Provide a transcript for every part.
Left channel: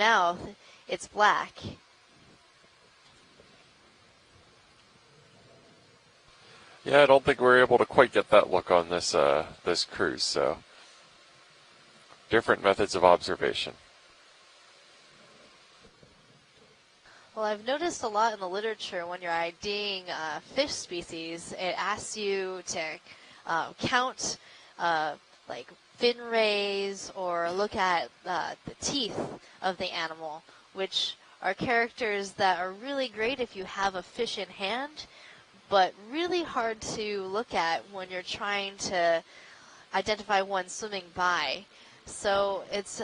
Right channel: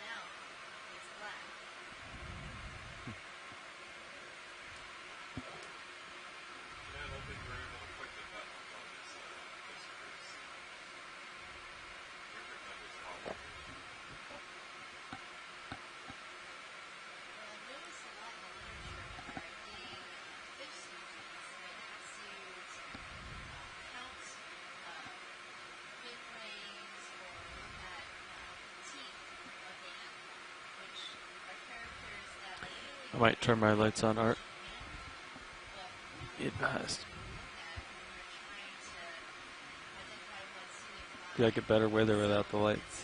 mouth, it's black. Yeah, I don't think we're able to quite get that look on this this cruise, so different methods of observation. Well, I've noticed a lot in the literature when you're IDing fish species, it asks you to count like fin rays or look at the teeth of the animal, which are characters that are really great if you have a fish in hand, but really hard to look at when you're trying to identify one swimming by. Like a better weather so it's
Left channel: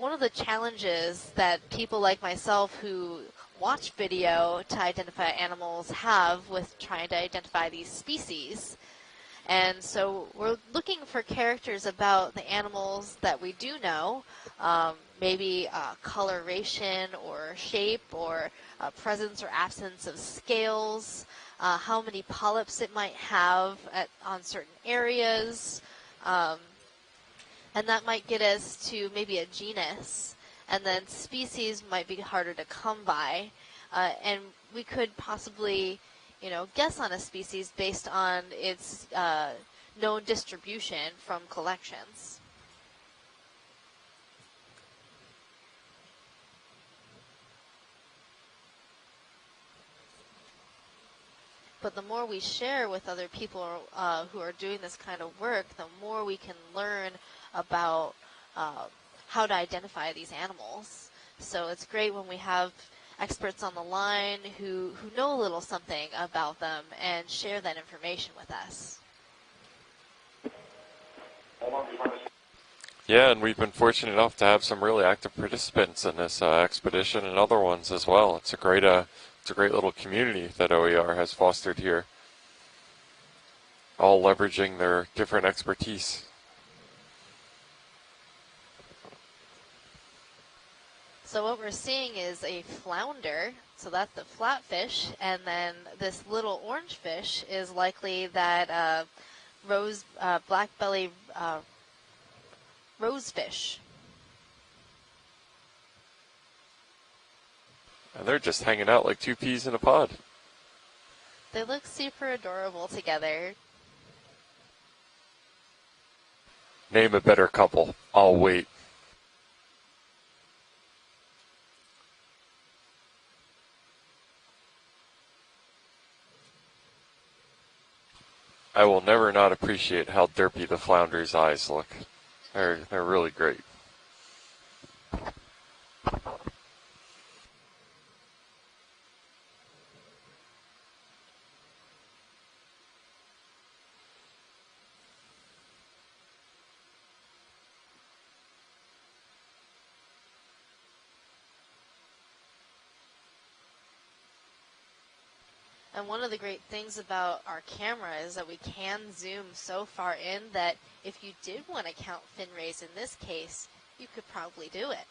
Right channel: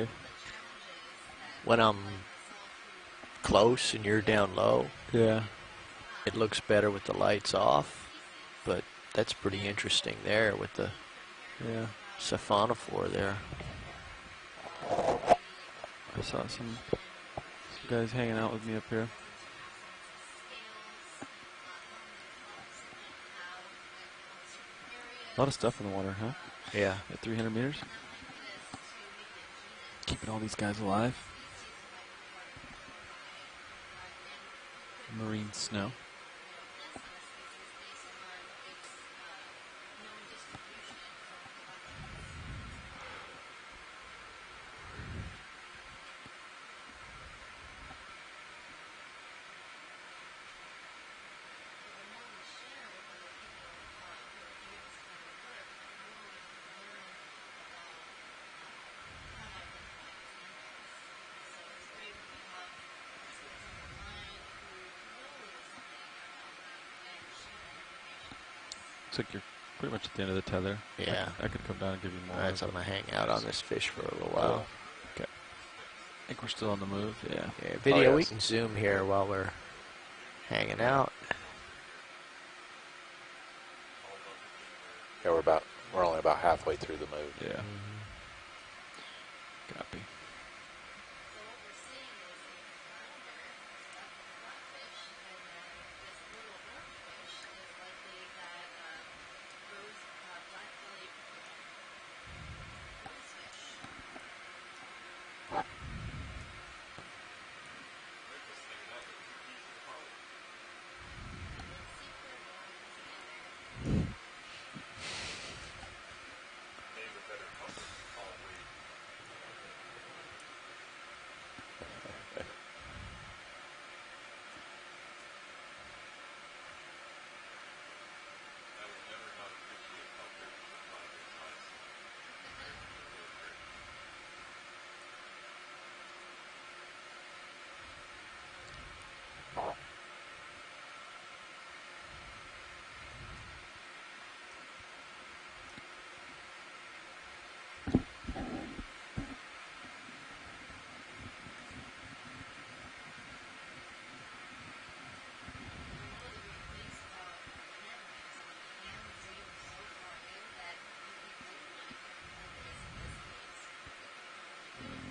one of the challenges that people like myself who watch video to identify animals have it looks with better trying with the to lights identify off, these species. But that's pretty and interesting so there. We're with looking the, for characters about the animals that we do know. Maybe coloration or shape or presence or absence of scales. How many polyps it might have on certain areas. A lot of stuff in the water, huh? Yeah. At 300 meters? And that might get us to maybe a genus. Keeping all these guys and alive. then species might be harder to come by. And we could possibly, guess on a species based on its known distribution from collections. But the more we share with other people who are doing this kind of work, the more we can learn about how to identify these animals. So it's great when we have experts on the line who know a little something about them and share that information with us. Looks like you're pretty much at the end of the tether. Yeah. I could come out and give you more. That's on the hang. Yeah, and we've been fortunate enough to have some really active participants in this expedition and other ones as well. It's a great, little community that OER has fostered here, all leveraging their different expertise. We're only about halfway through the move. Yeah. Copy. So what we're seeing is a flounder, so that's the flatfish, and then this little orange fish is likely that black belly rosefish. And they're just hanging out like two peas in a pod. They look super adorable together. Name a better couple. I'll wait. I will never not appreciate how derpy the flounder's eyes look. They're really great. And one of the great things about our camera is that we can zoom so far in that if you did want to count fin rays in this case, you could probably do it.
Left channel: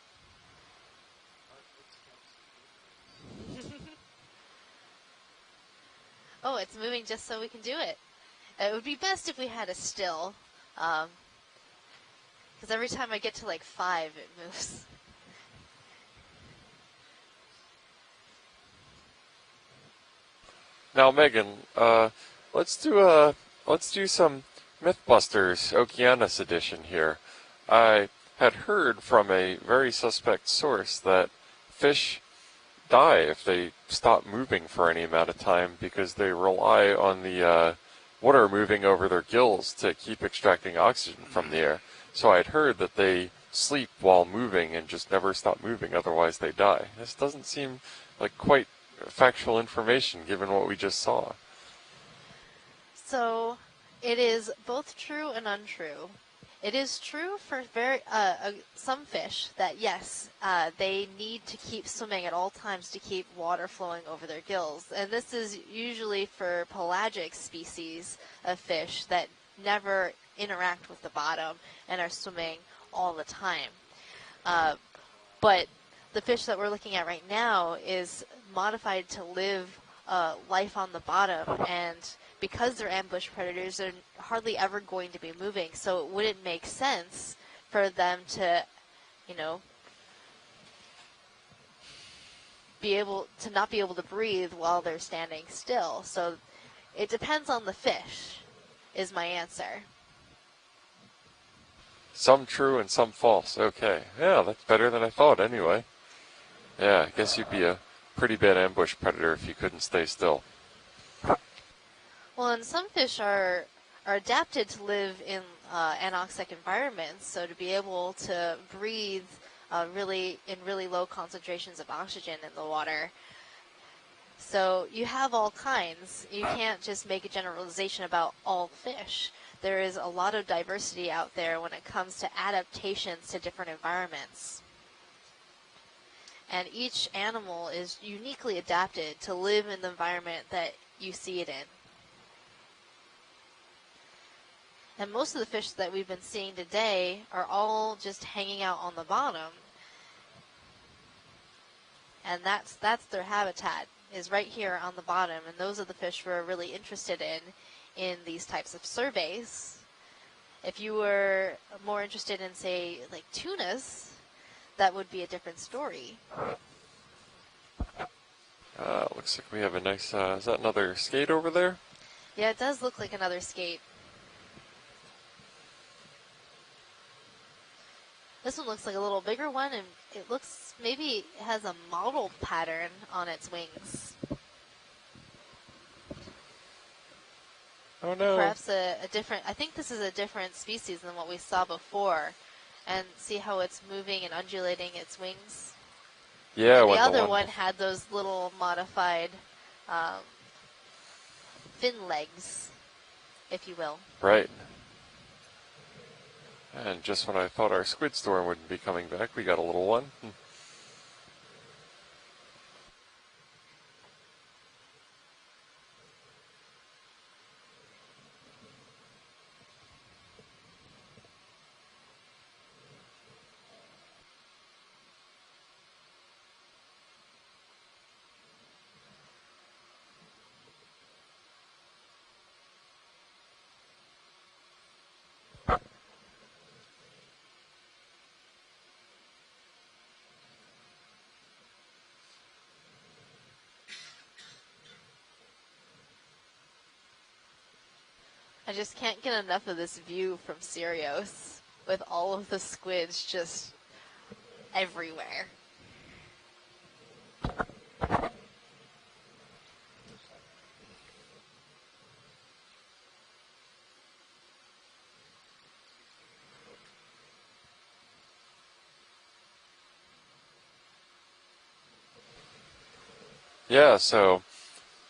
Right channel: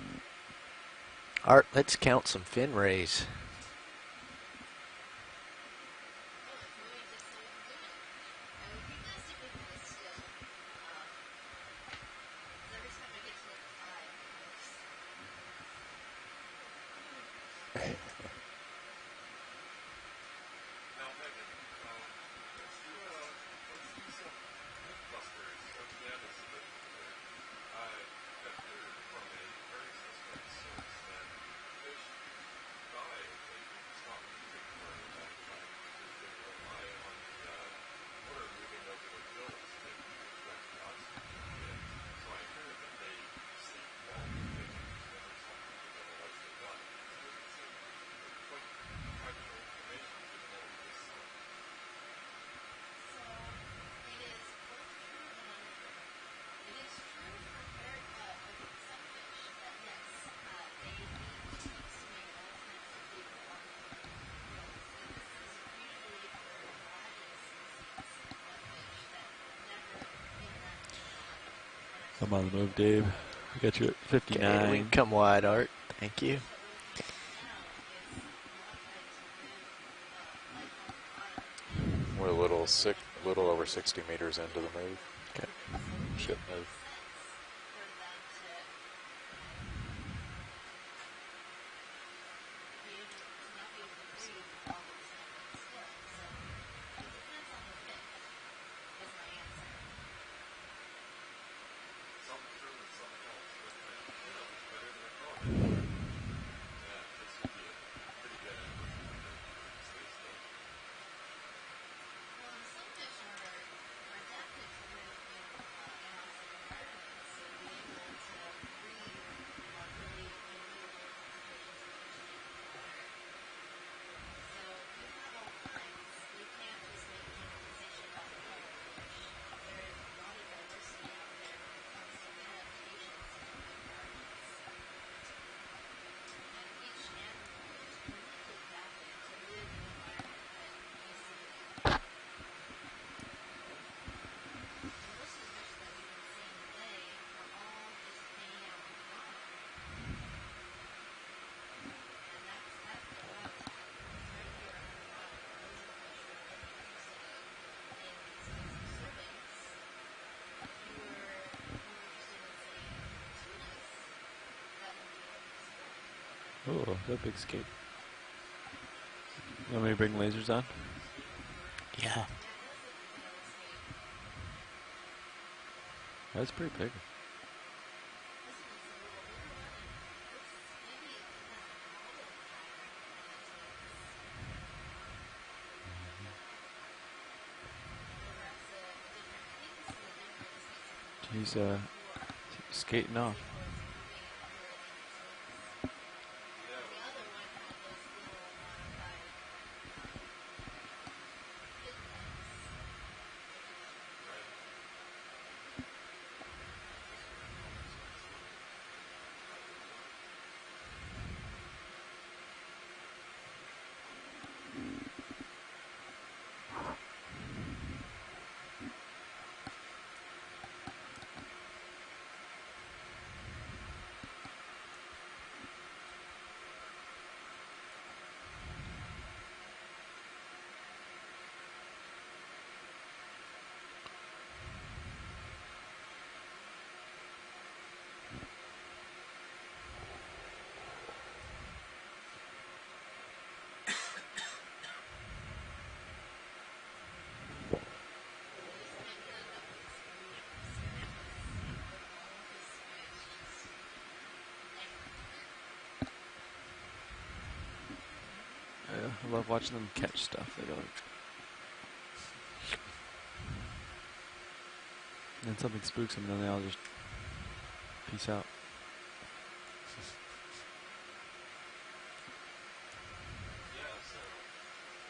Art, let's count some fin rays. Oh, it's moving just so we can do it. It would be best if we had a still, because every time I get to like 5, it moves. Now, Megan, let's do some Mythbusters Okeanos edition here. I had heard from a very suspect source that fish die if they stop moving for any amount of time because they rely on the water moving over their gills to keep extracting oxygen from the air. So I'd heard that they sleep while moving and just never stop moving, otherwise they die. This doesn't seem like quite factual information given what we just saw. So it is both true and untrue. It is true for some fish that yes, they need to keep swimming at all times to keep water flowing over their gills, and this is usually for pelagic species of fish that never interact with the bottom and are swimming all the time. Get you at 59. Come wide, but Art. Thank you. The fish that we're looking at right now is modified to live life on the bottom, and because they're ambush predators, they're hardly ever going to be moving. So would it make sense for them to, not be able to breathe while they're standing still. So it depends on the fish, is my answer. Some true and some false. Okay. Yeah, that's better than I thought anyway. Yeah, I guess you'd be a pretty bad ambush predator if you couldn't stay still. Well, and some fish are adapted to live in anoxic environments, so to be able to breathe really low concentrations of oxygen in the water. So you have all kinds. You can't just make a generalization about all fish. There is a lot of diversity out there when it comes to adaptations to different environments. And each animal is uniquely adapted to live in the environment that you see it in. And most of the fish that we've been seeing today are all just hanging out on the bottom. And that's their habitat, is right here on the bottom. And those are the fish we're really interested in these types of surveys. If you were more interested in, say, like tunas, that would be a different story. Oh, that big skate. Looks like we have a Wanna nice, bring those up? another skate over there. Yeah. Yeah, it does look like another skate. That's pretty big. This one looks like a little bigger one, and it looks, maybe it has a mottled pattern on its wings. Oh no. Perhaps a different, I think this is a different species than what we He's, saw before. And Skating off. see how it's moving and undulating its wings? Yeah, And when the other one one had those little modified fin legs, if you will. Right. And just when I thought our squid storm wouldn't be coming back, we got a little one. I just can't get enough of this view from Sirius, with all of the squids just everywhere. I love watching them catch stuff. They go like, and then something spooks them, and then they all just peace out. Yeah, so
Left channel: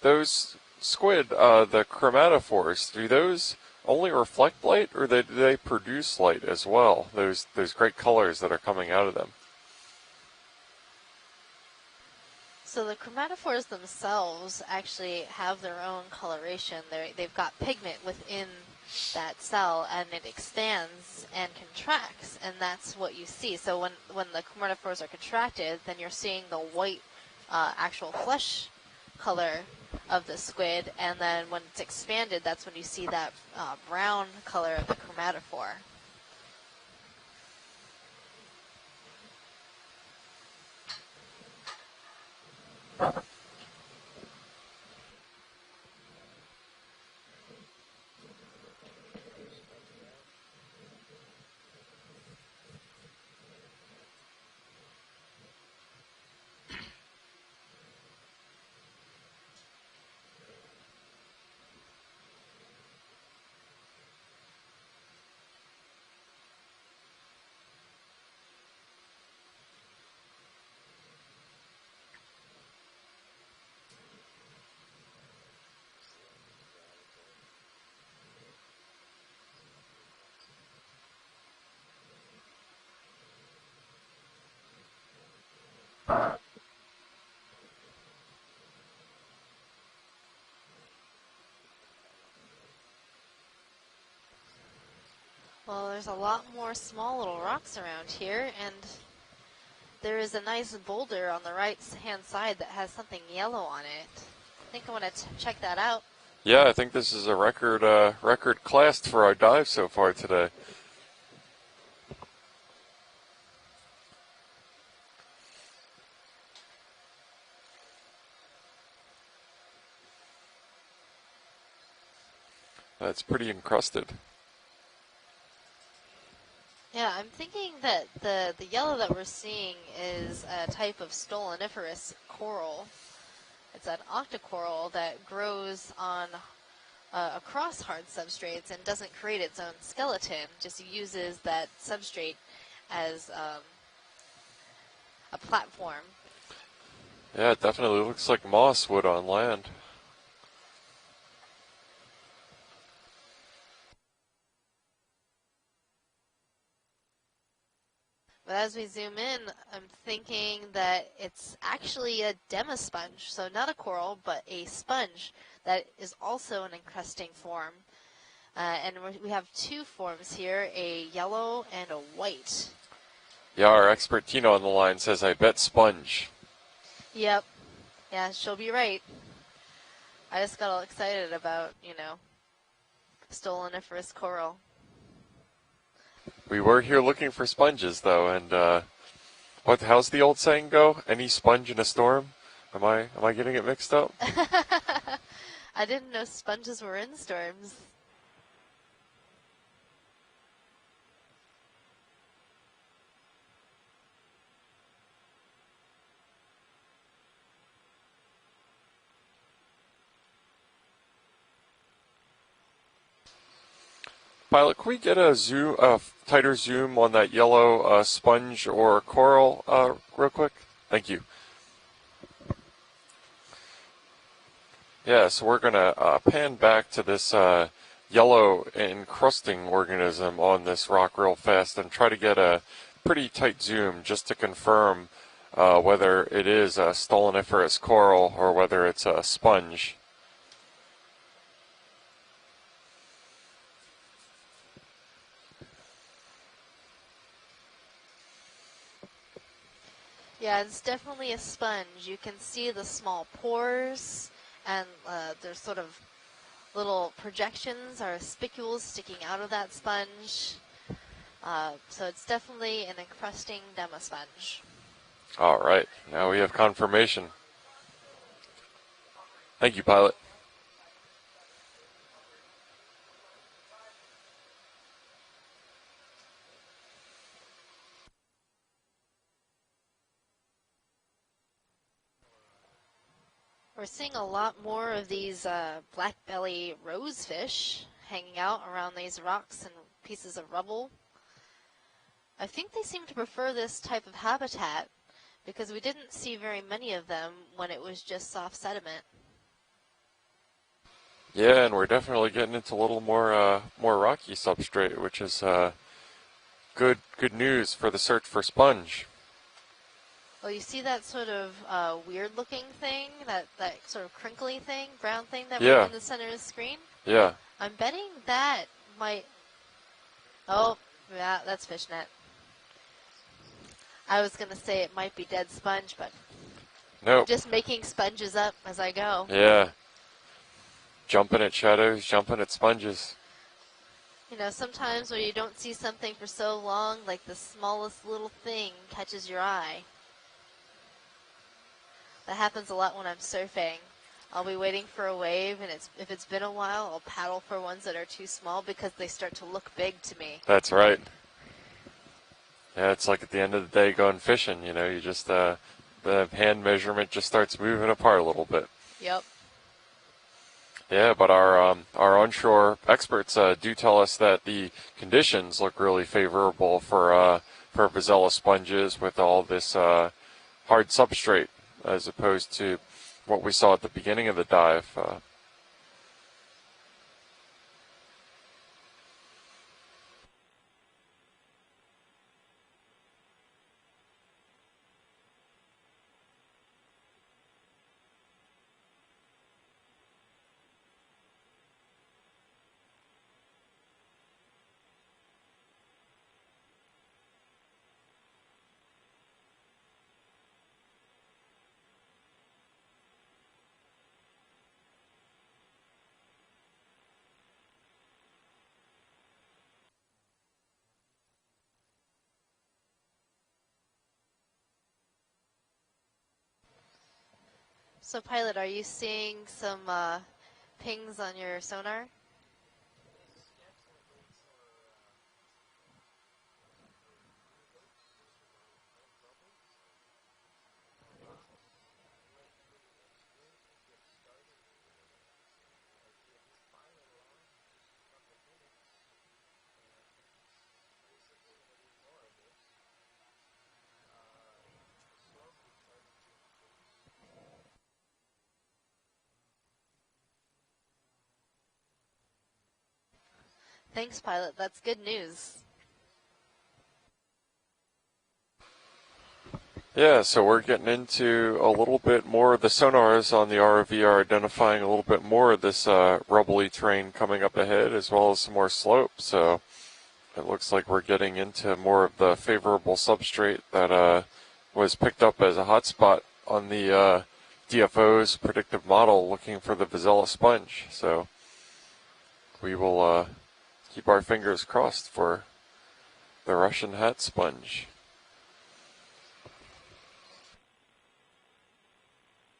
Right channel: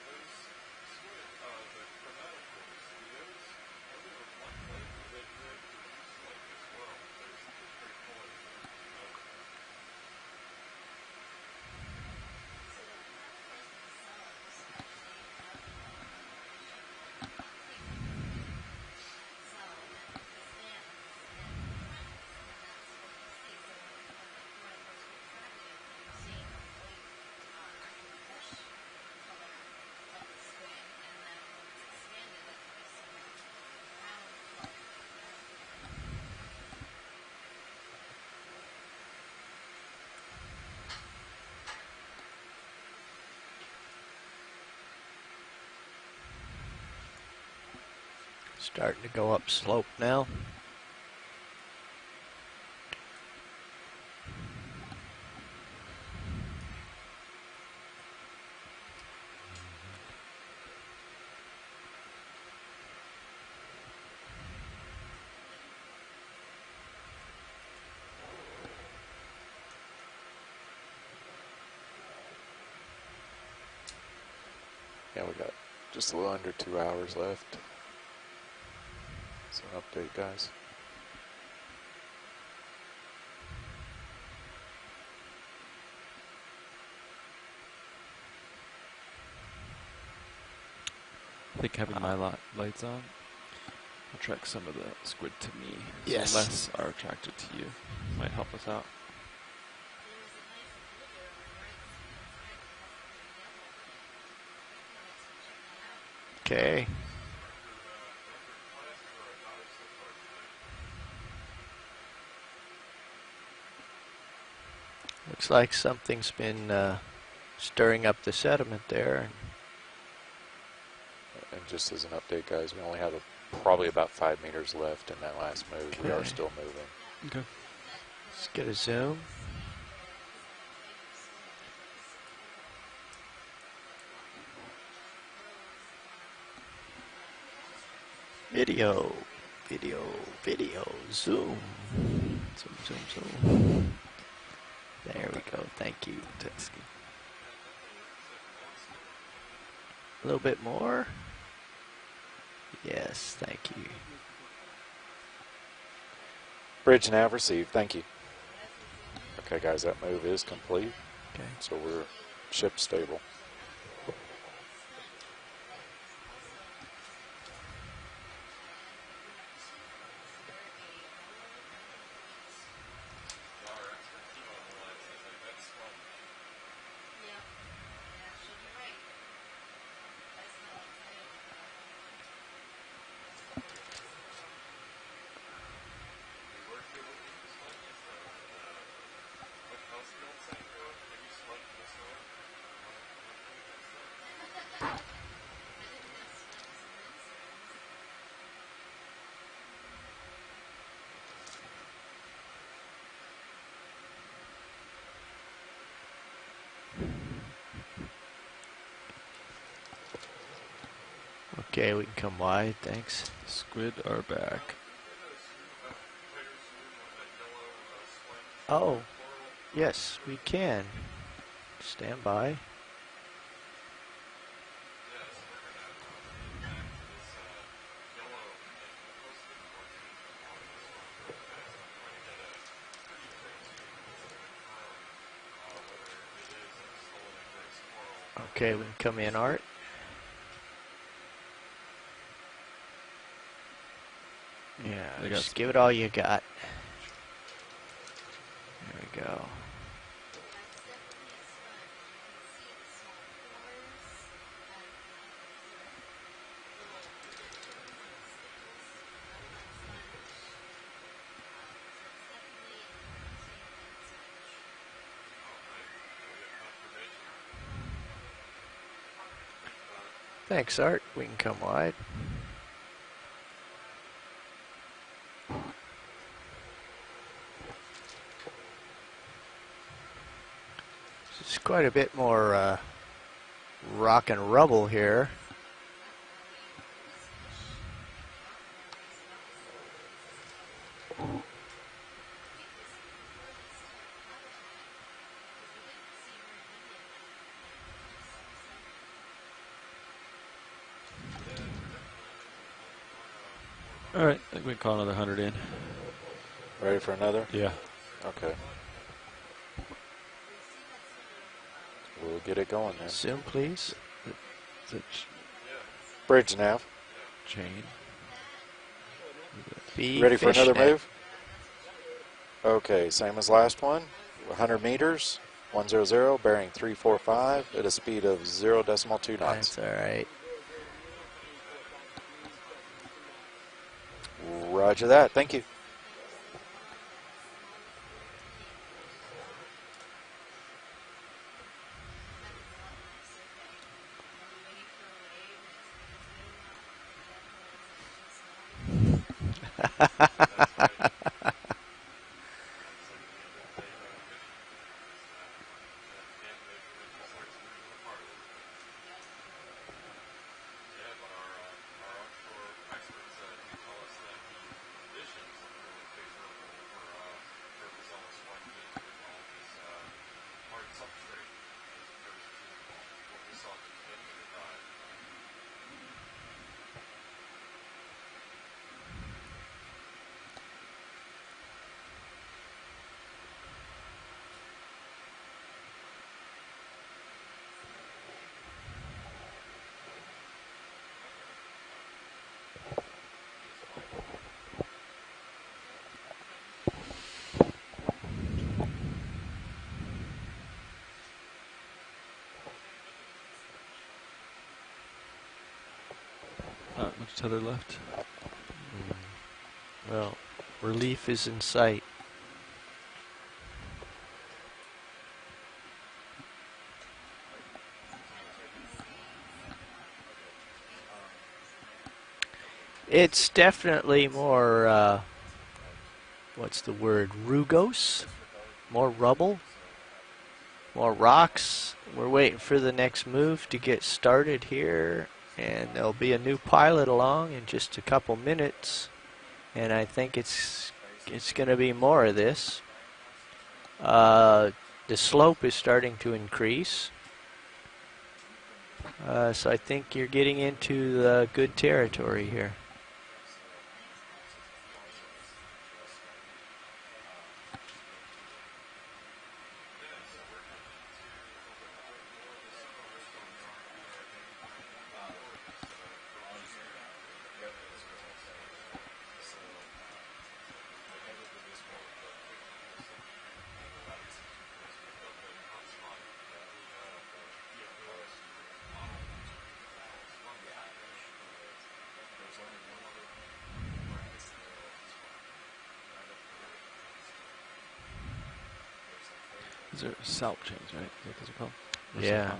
those squid, the chromatophores, do those only reflect light, or do they produce light as well? Those great colors that are coming out of them. So the chromatophores themselves actually have their own coloration. They've got pigment within that cell, and it expands and contracts, and that's what you see. So when the chromatophores are contracted, then you're seeing the white actual flesh color of the squid, and then when it's expanded, that's when you see that brown color of the chromatophore. Starting to go up slope now. Yeah, we got just a little under 2 hours left. So update, guys. I think having my lights on attract some of the squid to me. Well, there's Yes. a lot Less more are small attracted little to rocks you. around Might here, help us and out. there is a nice boulder on the right-hand side that has something yellow on it. I think I want to check that out. Yeah, I Okay. think this is a record class for our dive so far today. Looks like something's been stirring up the sediment there. And just as an update, guys, we only That's have pretty probably encrusted. about 5 meters left in that last move. We are Okay. still moving. Yeah, I'm Okay. thinking that Let's the get a yellow that zoom. we're seeing is a type of stoloniferous coral. It's an octocoral that grows on across hard substrates Video. and doesn't create its own Video. skeleton. It Video. just uses Zoom. that substrate Zoom, as zoom. There we go. platform. Thank you. Yeah, it definitely looks like moss would on land. A little bit more. Yes, thank you. Bridge nav received. Thank you. But as we zoom in, Okay, guys, I'm that move is thinking complete. that it's So we're actually a ship demasponge. stable. So not a coral, but a sponge that is also an encrusting form. And we have two forms here, a yellow and a white. Yeah, our expert Tina on the line says, I bet sponge. Yep. Yeah, she'll be right. I just got all excited about, stoloniferous coral. We were here looking for sponges, though, and how's the old saying go? Any sponge in a storm? Am I getting it mixed up? I didn't know sponges were in storms. Okay, we can come wide. Thanks. Squid are back. Pilot, can we get a tighter zoom on that yellow sponge or Oh, coral yes, real we quick? can. Thank you. Stand by. Yeah, so we're going to pan back to this yellow encrusting organism on this rock real fast and try to get a pretty tight zoom just to confirm whether it is a stoloniferous coral or Okay, whether then it's come a in, Art. sponge. Yeah, They got just some- give it all you got. There we go. Yeah, it's definitely a sponge. You can see the small pores, and there's sort of little projections or spicules sticking out of that sponge. So it's definitely an encrusting demasponge. All right, now we have confirmation. Thank you, pilot. Thanks, Art. We can come wide. It's quite a bit more We're seeing rock a and lot rubble more here. of these black belly rosefish hanging out around these rocks and pieces of rubble. I think they seem to prefer this type of habitat because we didn't see very many of them when it was just soft sediment. Yeah, and we're definitely getting into a little more rocky All right, I think we call substrate, another which is 100 in. good for good another? news Yeah. for the search for Okay. sponge. Well, you see that sort of weird We'll looking get it going thing, then. Zoom, that please. sort of crinkly thing, Is it brown thing that Yeah. was in the center Bridge of the screen. nav. Yeah. Chain. I'm betting that might. Be Ready for another fishnet. move? Yeah, that's fishnet. Okay, same as last one. I was going to 100 say it might be meters, dead sponge. 100, bearing 345 Just making at a speed sponges of up as 0 I decimal go. 2 Yeah. knots. That's all right. Jumping at shadows, jumping at sponges. Sometimes Roger that. you Thank don't you. see something for so long, like the smallest little thing catches your eye. That happens a lot when I'm surfing. I'll be waiting for a wave, and if it's been a while, I'll paddle for ones that are too small because they start to look big to me. That's right. Yeah, it's like at the end of the day going fishing, you just, the hand measurement just starts moving apart a little bit. Yep. Yeah, but our onshore experts do tell us that the conditions look really favorable for Vazella sponges with all this hard substrate as opposed to what we saw at the beginning of the dive. Not much tether left. Well, relief is in sight. So, pilot, are you seeing some pings on your sonar? It's definitely more, what's the word, rugose? More rubble? More rocks. We're waiting for the next move to get started here, and there'll be a new pilot along in just a couple minutes, and I think it's going to be more of this. The slope is starting to increase, so I think you're getting into the good territory here. Thanks, pilot. That's good news. Yeah, so we're getting into a little bit more. The sonars on the ROV are identifying a little bit more of this rubbly terrain coming up ahead, as well as some more slope. So it looks like we're getting into more of the favorable substrate that was picked up as a hotspot on the DFO's predictive model, looking for the Vazella sponge. So we will keep our fingers crossed for the Russian hat sponge. These are salp chains, right? Is that what those are called? Or Yeah.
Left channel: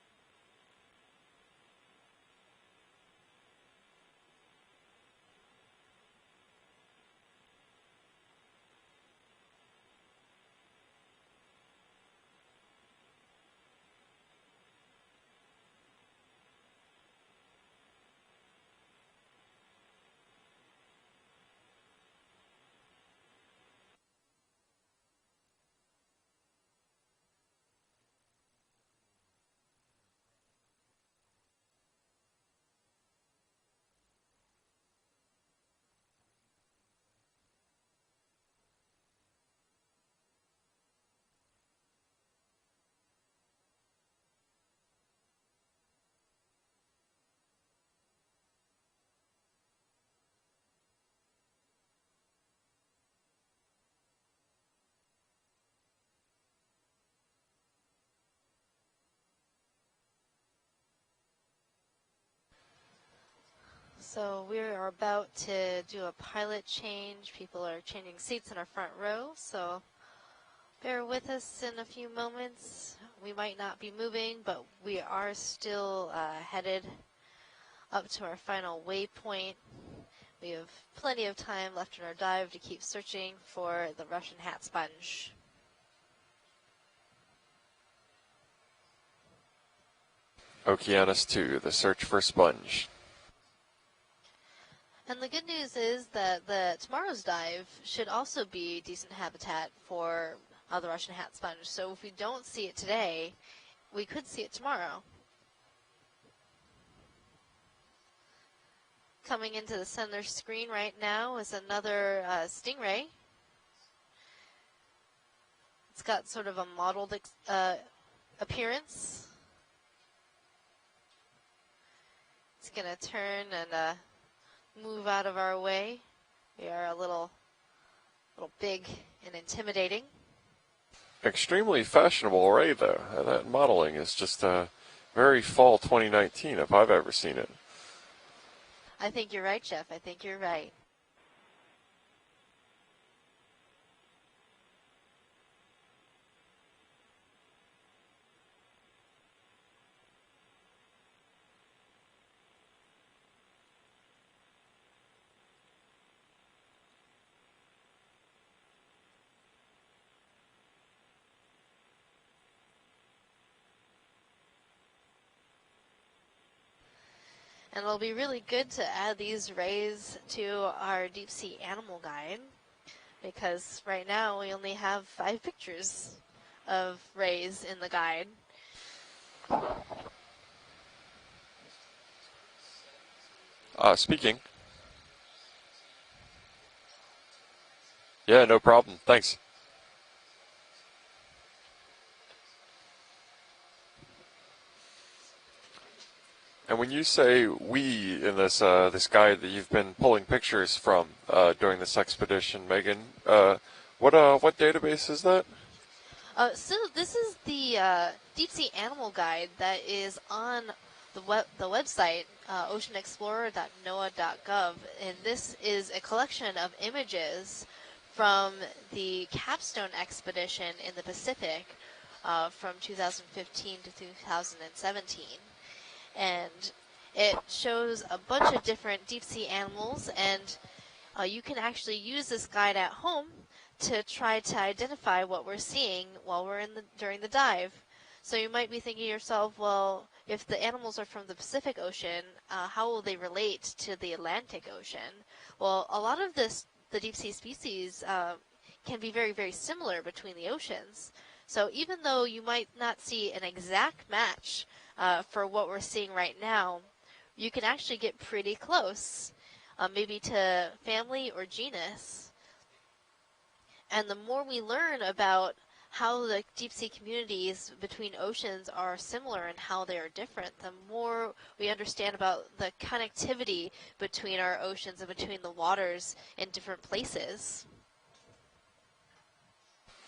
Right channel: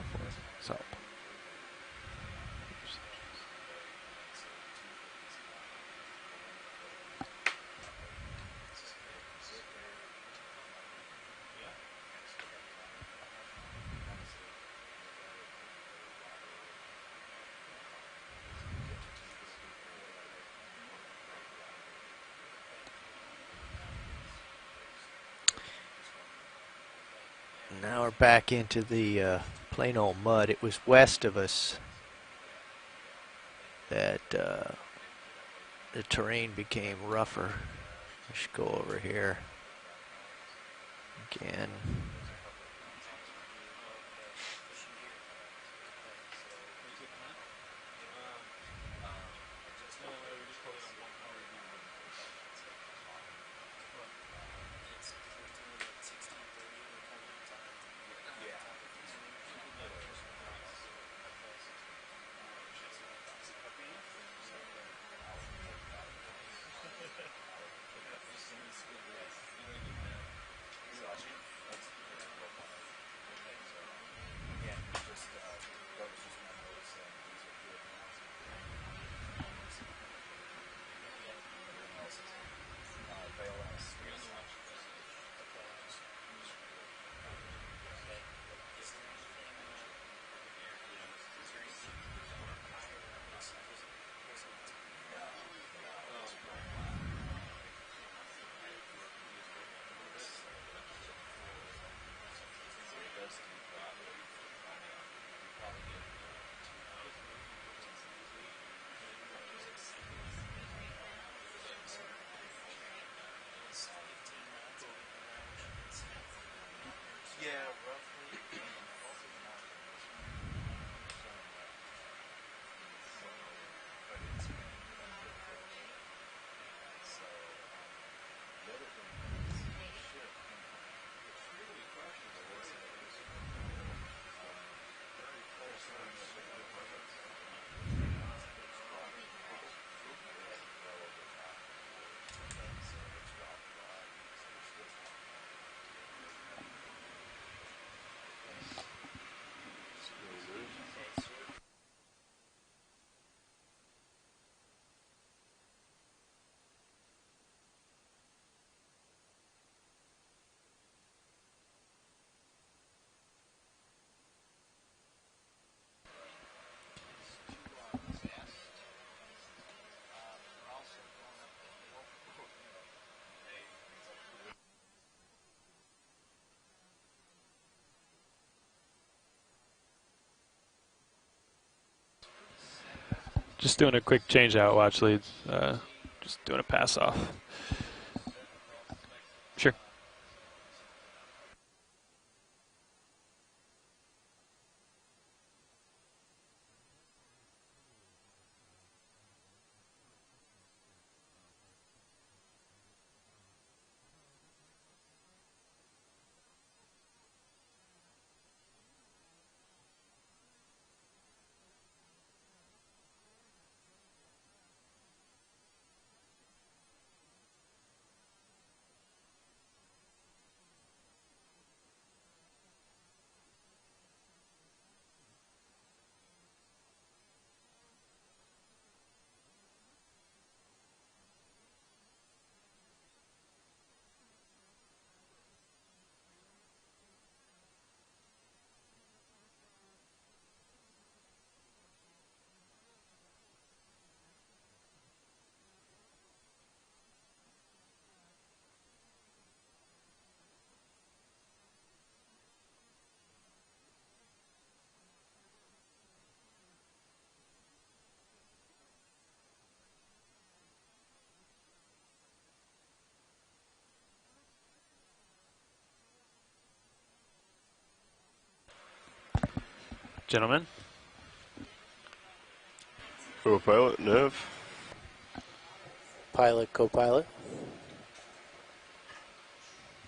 Salp. Now we're back into the plain old mud. It was west of us that the terrain became rougher. I should go over here again. So we are about to do a pilot change. People are changing seats in our front row, so bear with us in a few moments. We might not be moving, but we are still headed up to our final waypoint. We have plenty of time left in our dive to keep searching for the Russian hat sponge. Okeanos 2, the search for sponge. And the good news is that tomorrow's dive should also be decent habitat for the Russian hat sponge. So if we don't see it today, we could see it tomorrow. Coming into the center screen right now is another stingray. It's got sort of a mottled appearance. It's gonna turn and move out of our way. We are a little big and intimidating. Extremely fashionable array, though. That modeling is just very fall 2019, if I've ever seen it. I think you're right, Jeff. I think you're right. And it'll be really good to add these rays to our deep sea animal guide, because right now we only have 5 pictures of rays in the guide. Just doing a quick Speaking. change out, watch leads. Just doing a pass off. Yeah, no problem. Thanks. Sure. And when you say we in this this guide that you've been pulling pictures from during this expedition, Megan, what database is that? So this is the deep sea animal guide that is on the website oceanexplorer.noaa.gov, and this is a collection of images from the Capstone expedition in the Pacific, from 2015 to 2017. And it shows a bunch of different deep sea animals, and you can actually use this guide at home to try to identify what we're seeing while we're during the dive. So you might be thinking to yourself, well, if the animals are from the Pacific Ocean, how will they relate to the Atlantic Ocean? Well, a lot of the deep sea species can be very, very similar between the oceans. So even though you might not see an exact match for what we're seeing right now, you can actually get pretty close, maybe to family or genus. And the more we learn about how the deep sea communities between oceans are similar and how they are different, Gentlemen? the more we understand about the connectivity Co-pilot, between Nav. our oceans and between the waters in Pilot, different co-pilot. places.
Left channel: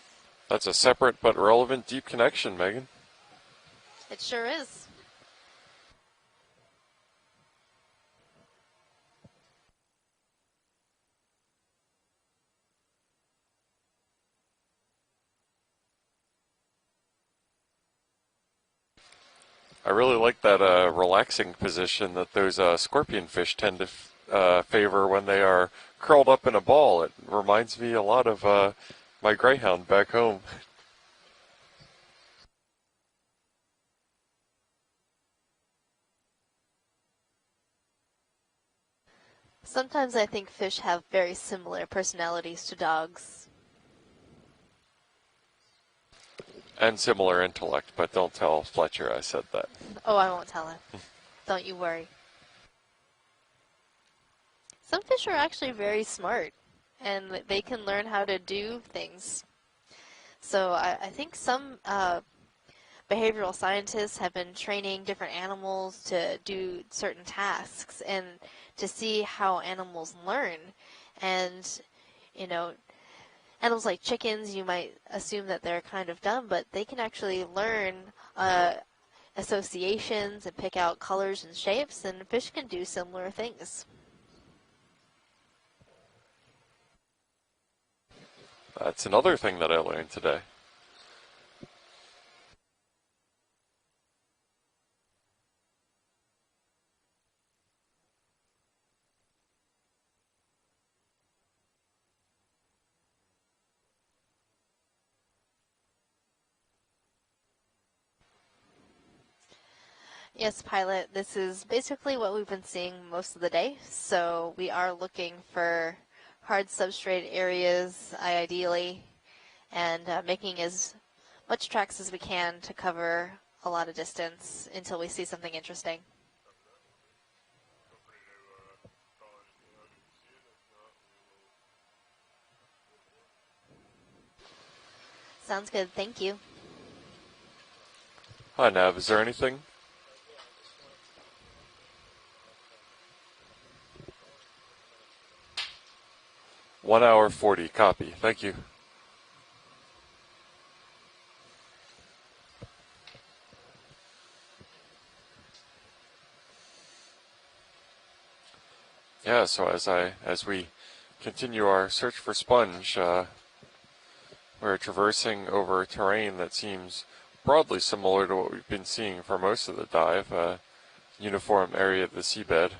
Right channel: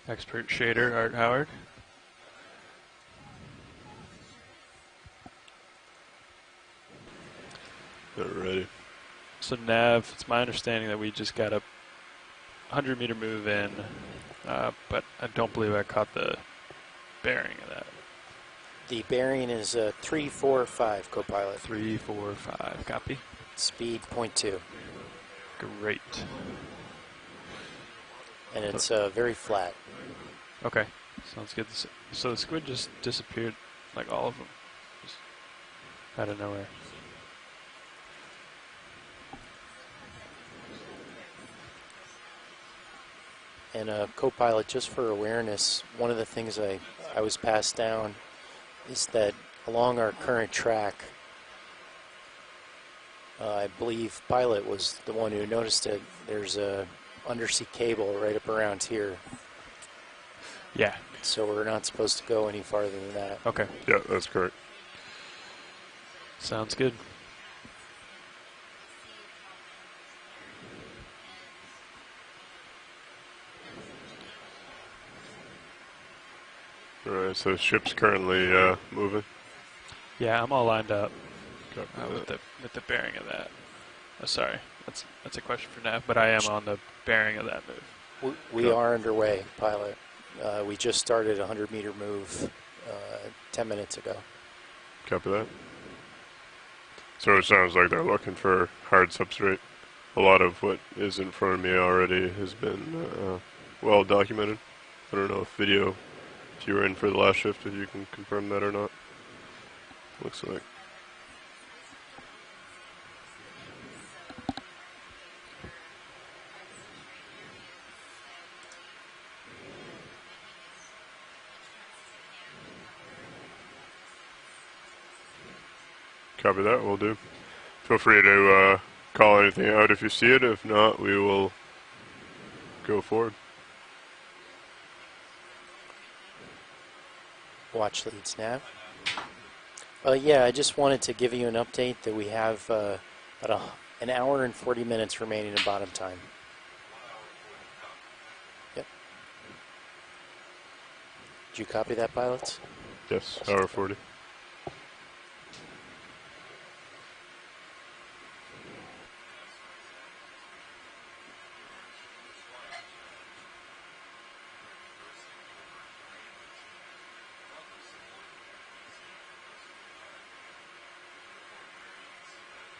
Expert That's a shader, separate Art but Howard. relevant deep connection, Megan. It sure is. Alrighty. So Nav, it's my understanding that we just got a 100-meter move in, but I don't believe I caught the bearing of that. The bearing is I really 3, like 4, that 5, relaxing co-pilot. position 3, 4, that those 5, scorpion copy. fish tend Speed, to 0.2. favor when they are Great. curled up in a ball. It reminds me a lot of It's very my flat. greyhound back home. Okay, sounds good. So the squid just disappeared, like all of them, just out of nowhere. Sometimes I think fish have very similar personalities to dogs. And co-pilot, just for awareness, one of the things I And was similar passed intellect, down but don't tell is Fletcher I that said that. along our Oh, I won't current tell him. track, Don't you worry. I believe Pilot was Some the fish one are who actually noticed very it. smart, There's a and they undersea can cable learn how right to up do around here. things. So Yeah. I think So some we're not supposed to go any farther than that. behavioral Okay. scientists that's have been correct. training different animals to Sounds do good. certain tasks and to see how animals learn. And, you know, animals like chickens, you might assume that they're kind of dumb, but they can actually so learn ship's currently moving. associations Yeah, I'm and all pick lined out up. colors and shapes, and with the- fish can with the do bearing of similar that. things. Oh, sorry, that's a question for Nav, but I am on the bearing of that move. We are That's underway. another thing that I Pilot. learned today. We just started a 100-meter move 10 minutes ago. Copy that. So it sounds like they're looking for hard substrate. A lot of what is in front of me already has been well documented. I don't know if you were in for the last shift, if you can confirm that or not. Looks Yes, like. Pilot, this is basically what we've been seeing most of the day. So we are looking for hard substrate areas, ideally, and making as much tracks as we can to cover a lot of distance until we see something interesting. Copy that, will do. Feel free to call anything out if you see it. If not, we will go forward. Sounds good, thank you. Watch leads now. Hi, Nav. Is there anything? Yeah, I just wanted to give you an update that we have about an hour and 40 minutes remaining in bottom time. 1 hour 40. Copy. Thank you. Yep. Did you copy that, pilots? Yes, hour 40. Yeah. So as we continue our search for sponge, we're traversing over terrain that seems broadly similar to what we've been seeing for most of the dive. Uniform area of the seabed.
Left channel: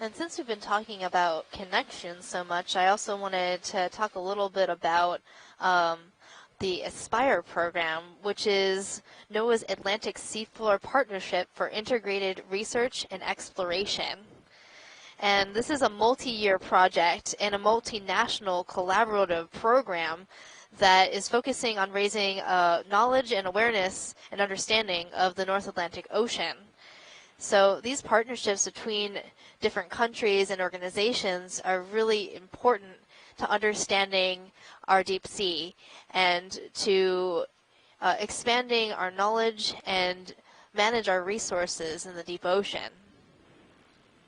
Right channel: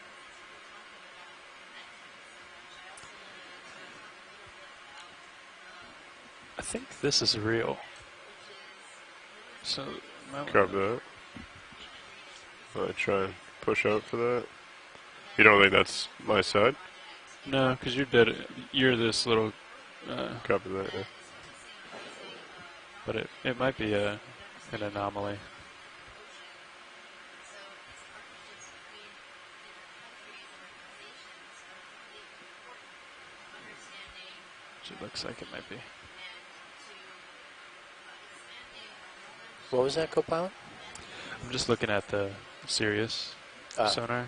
And since we've been talking about connections so much, I also wanted to talk a little bit about the think this is Aspire real. program, which is NOAA's So- Atlantic Cover Seafloor that. Partnership for Integrated Research Try and and push Exploration. out for that. And You don't this think is that's a multi-year my side? project and No, a 'cause you're better- multinational you're this collaborative little, program Copy that. that is focusing on raising knowledge But and it might be awareness and understanding of anomaly. the North Atlantic Ocean. So these partnerships between different countries and organizations are really important to understanding our Looks deep like it sea might be. and to expanding our knowledge What was that, and co-pilot? manage our I'm just resources looking at in the the deep ocean. Sirius Ah. sonar.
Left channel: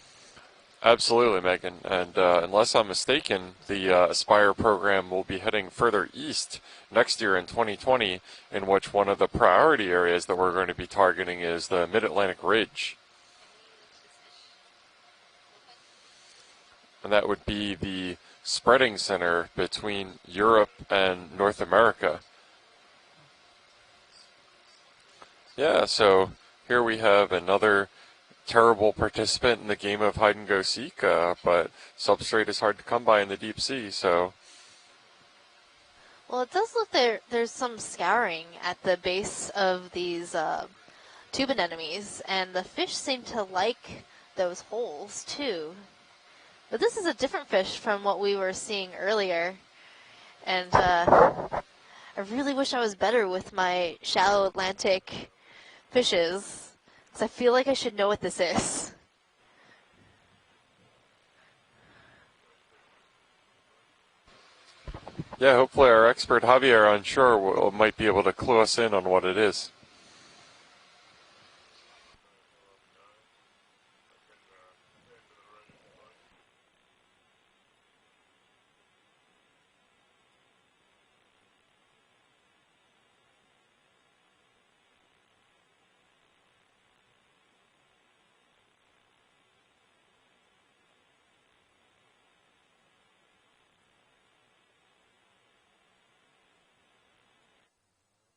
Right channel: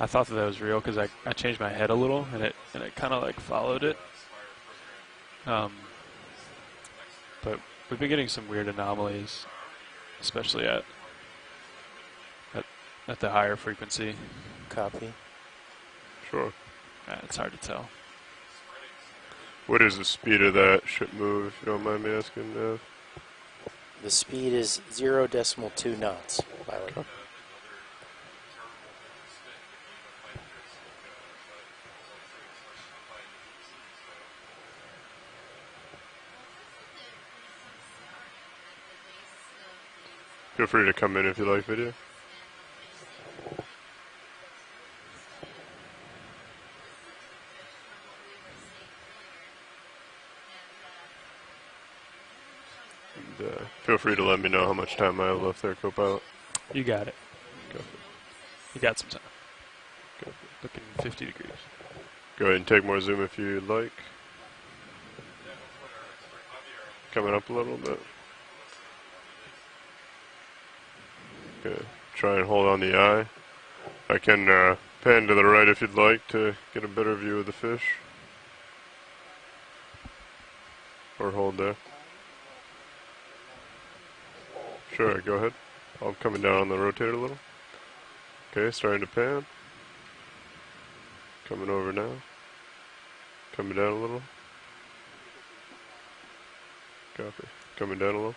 I thought that was real because I Absolutely, changed my Megan. head a little. And and it- unless I'm it kinda, like, mistaken, followed the it. Aspire program will be heading Um, further east next year in but 2020, we're getting some weird in which one of the anomalies, priority areas that we're especially going to be at- targeting is the Mid-Atlantic Ridge. at the higher frequency. Copy. Sure. And that It's would hard to be tell. the spreading center What is between the speed Europe of that ship and move? North if you don't mind America. asking, The speed is 0.2 Yeah, so knots. here we have another terrible participant in the game of hide and go seek, but substrate is hard to come by in the deep sea, so Well, it does look there's some scouring at the base of these Feel free to come in if you tube like me to. anemones, and the fish seem to like those holes too. But this is a different fish from what we were seeing earlier, and I really wish I was better with my Feel free to shallow let me know how much Atlantic time I have left there, co-pilot. fishes. You got it. 'Cause I feel like I should know what this is. You got some time. Good. Looking 50 degrees. Go ahead and take more zoom if you'd like. yeah, hopefully our expert Javier on shore Coming up a little might bit. be able to clue us in on what it is. Okay. Try and hold on the eye. I can pan to the right if you'd like to get a better view of the fish. Or hold there. Sure, go ahead. I'm coming down on the rotator a little. Okay, starting to pan. Coming over now. Coming down a little. Copy. Coming down a little.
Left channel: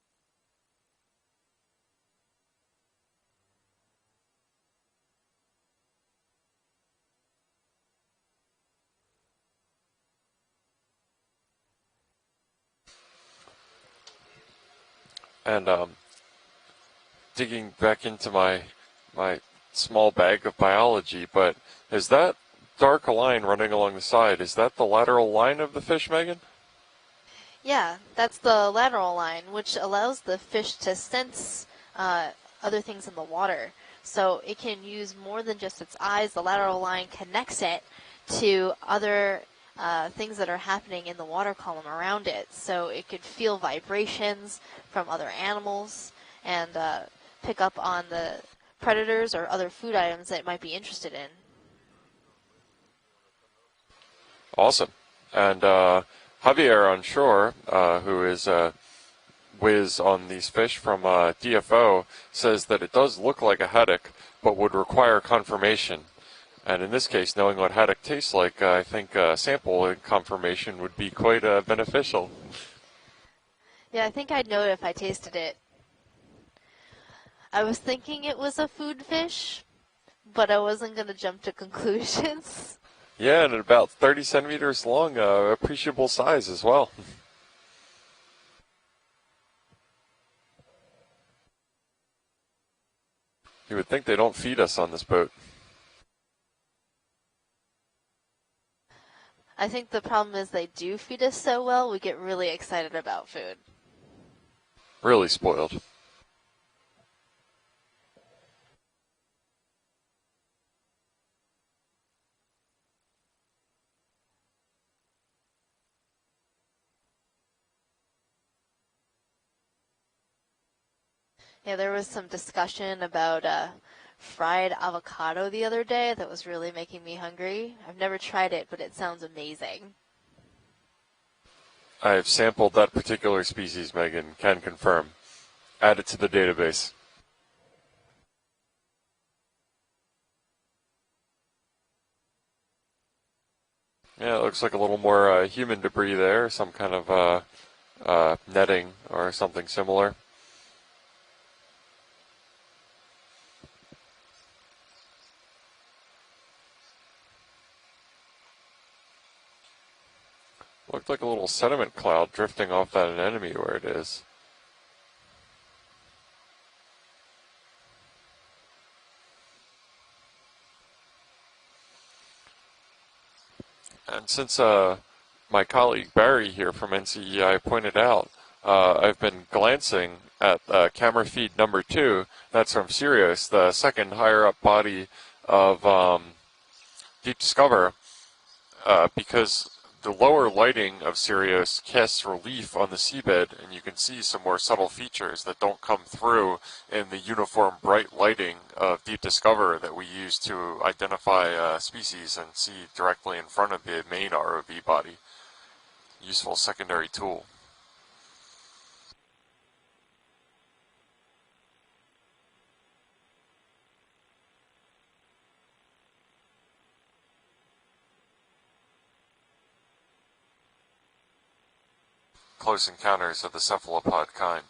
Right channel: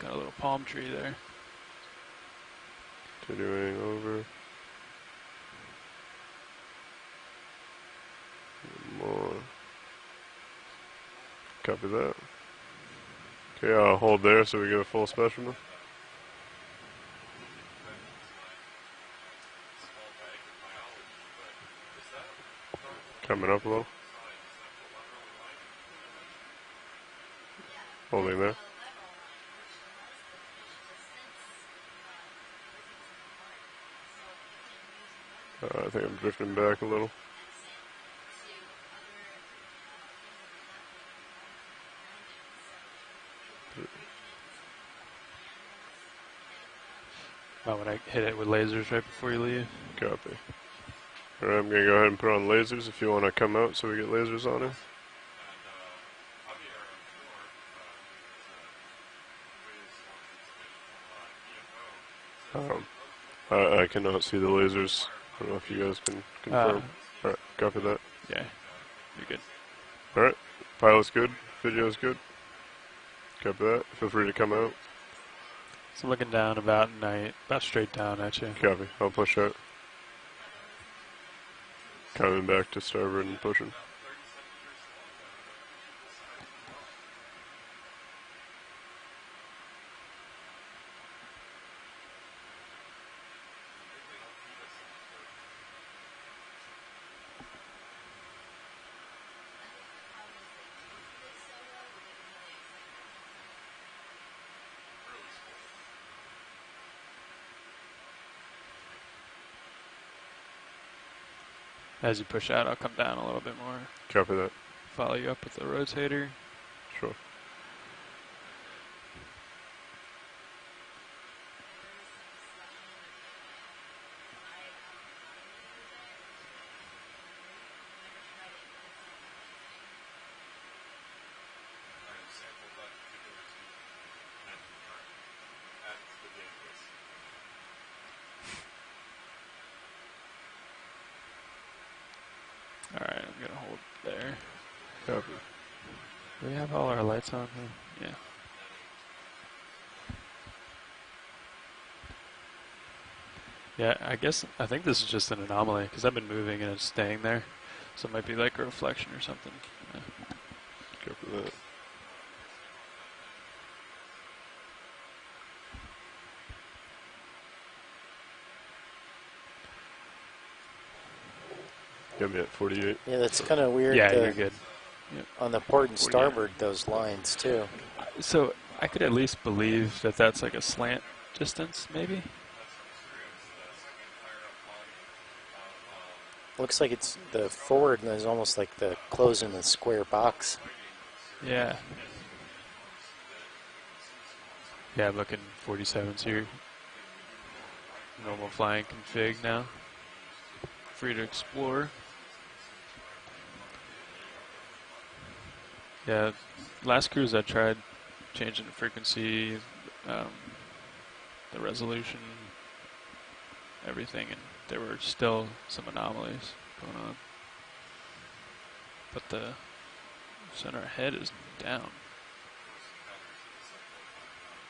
Got a little palm tree there. Continuing over. More. Copy that. Okay, I'll hold there so we get a full specimen. And digging back into my small bag of biology, but is that dark line Coming up a running little. along the side, is that the lateral line of the fish, Megan? Yeah, Holding that's there. the lateral line, which allows the fish to sense other things in the water. So it can use more than just I its think I'm eyes. The drifting lateral back a line little. connects it to other things that are happening in the water column around it. So it could feel vibrations from other animals and pick up Probably on hit it with the lasers right predators before or you other leave. food items that it might be interested in. Alright, I'm going to go ahead and put on lasers if you want to come out so we get lasers on. Awesome. And Javier on shore, who is whiz on these fish from DFO, says that it does look like a I haddock, cannot see the but would lasers. require I don't know if you confirmation. guys can confirm. And in this case, Alright, knowing what copy haddock that. tastes Yeah. like, I think sample and confirmation would Pilot's be good. quite Video's good. beneficial. Copy that. Yeah, Feel I free think to I'd come know out. it if I tasted it. So I'm looking down about night. About I was straight thinking down, it actually. was a Copy. food I'll push fish, out. but I wasn't going to jump to conclusions. Coming back to starboard. Yeah, and pushing. about 30 centimeters long, appreciable size as well. You would think they don't feed us on this boat. I think the problem is they do feed us so well, we get really excited about food. Really spoiled. As you push out, I'll come down a little bit more. Copy that. Follow you up with the rotator. Sure. Yeah, there was some discussion about fried avocado the other day that was really making me hungry. I've never tried it, but it sounds amazing. I have sampled that particular species, Megan, can confirm. Add it to the database. All right, I'm gonna hold there. Yeah, it looks like a little more human debris there, Yeah, some oh, kind our of lights on here. Yeah. netting or something similar. Yeah, I think this is just an anomaly because I've been moving and it's staying there, so it might be like a reflection or something. Yeah. Looked like a little sediment cloud drifting off that anemone where it is. Got me at 48. Yeah, that's kind of weird. Yeah, the- you're Since on my the port colleague starboard, Barry here those from lines, NCEI too. pointed out, So I could at I've least been believe glancing that that's like a at slant camera feed distance. number 2. That's from Sirius, the second higher up body of Looks like it's Deep the Discover, forward, and there's almost like the closing the because square the box. lower lighting of Sirius casts relief on the seabed, and you can see some more subtle Yeah, I'm features looking that don't come 47 through in the uniform bright lighting Overflying of Deep config Discover that we use to identify explore. species and see directly in front of the main ROV body. Yeah, Useful secondary last cruise tool. I tried changing the frequency, the resolution, everything, and there were still some anomalies going on. but the center head is down. Close encounters of the cephalopod kind.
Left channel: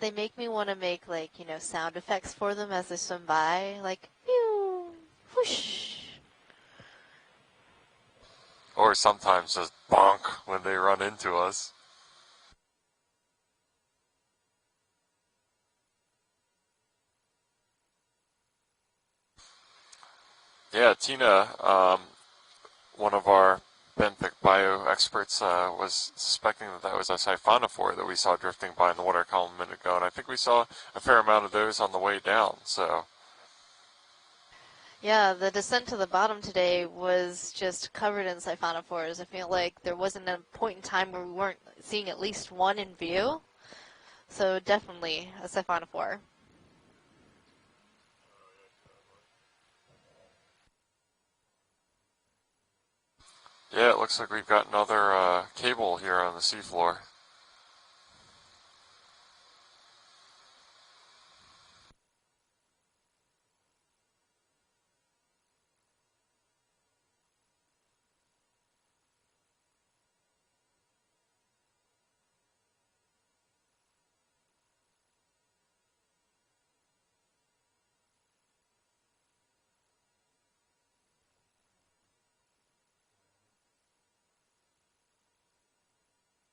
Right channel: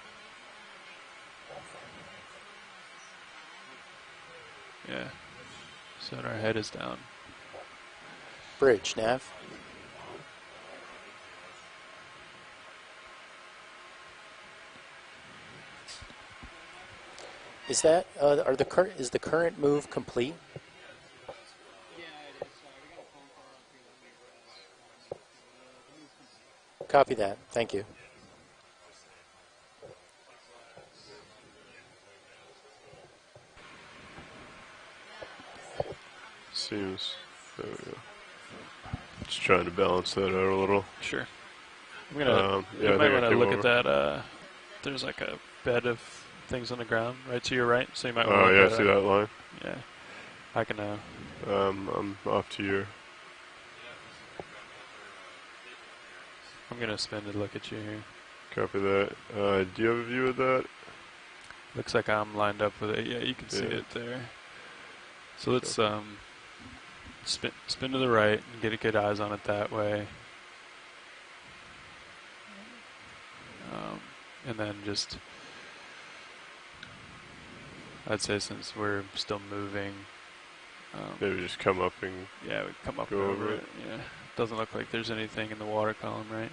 They make me want to make, like, you know, sound effects for them as they swim by, like, pew, Yeah. whoosh. Center head is down. Bridge, Or Nav. sometimes just bonk when they run into us. Is that is the current move complete? Yeah, Tina, one of our benthic bio experts, was suspecting that that was a Copy that. Thank you. siphonophore that we saw drifting by in the water column a minute ago, and I think we saw a fair amount of those on the way down. So Yeah, the descent to the bottom today Seems- was just covered in siphonophores. I feel trying to like there balance wasn't that a out a point little. in time Sure. where we weren't seeing at I'm gonna- least one in yeah, You I might think want to I look do at that. So There's definitely like a a bed of siphonophore. things on the ground right to your right, so you might Oh, want to yeah, look at see that line? Yeah. I can I'm off to your... yeah, it looks like we've got another cable here on the I'm seafloor. gonna spin to look at you here. Copy that. Do you have a view of that? Looks like I'm lined up with it. Yeah, you can see Yeah. it there. So let's spin to the right and get good eyes on it that way. And then just, I'd say since we're still moving, Maybe just come up and... yeah, we come up Go and over over it. it. Yeah, doesn't look like there's anything in the water column, right?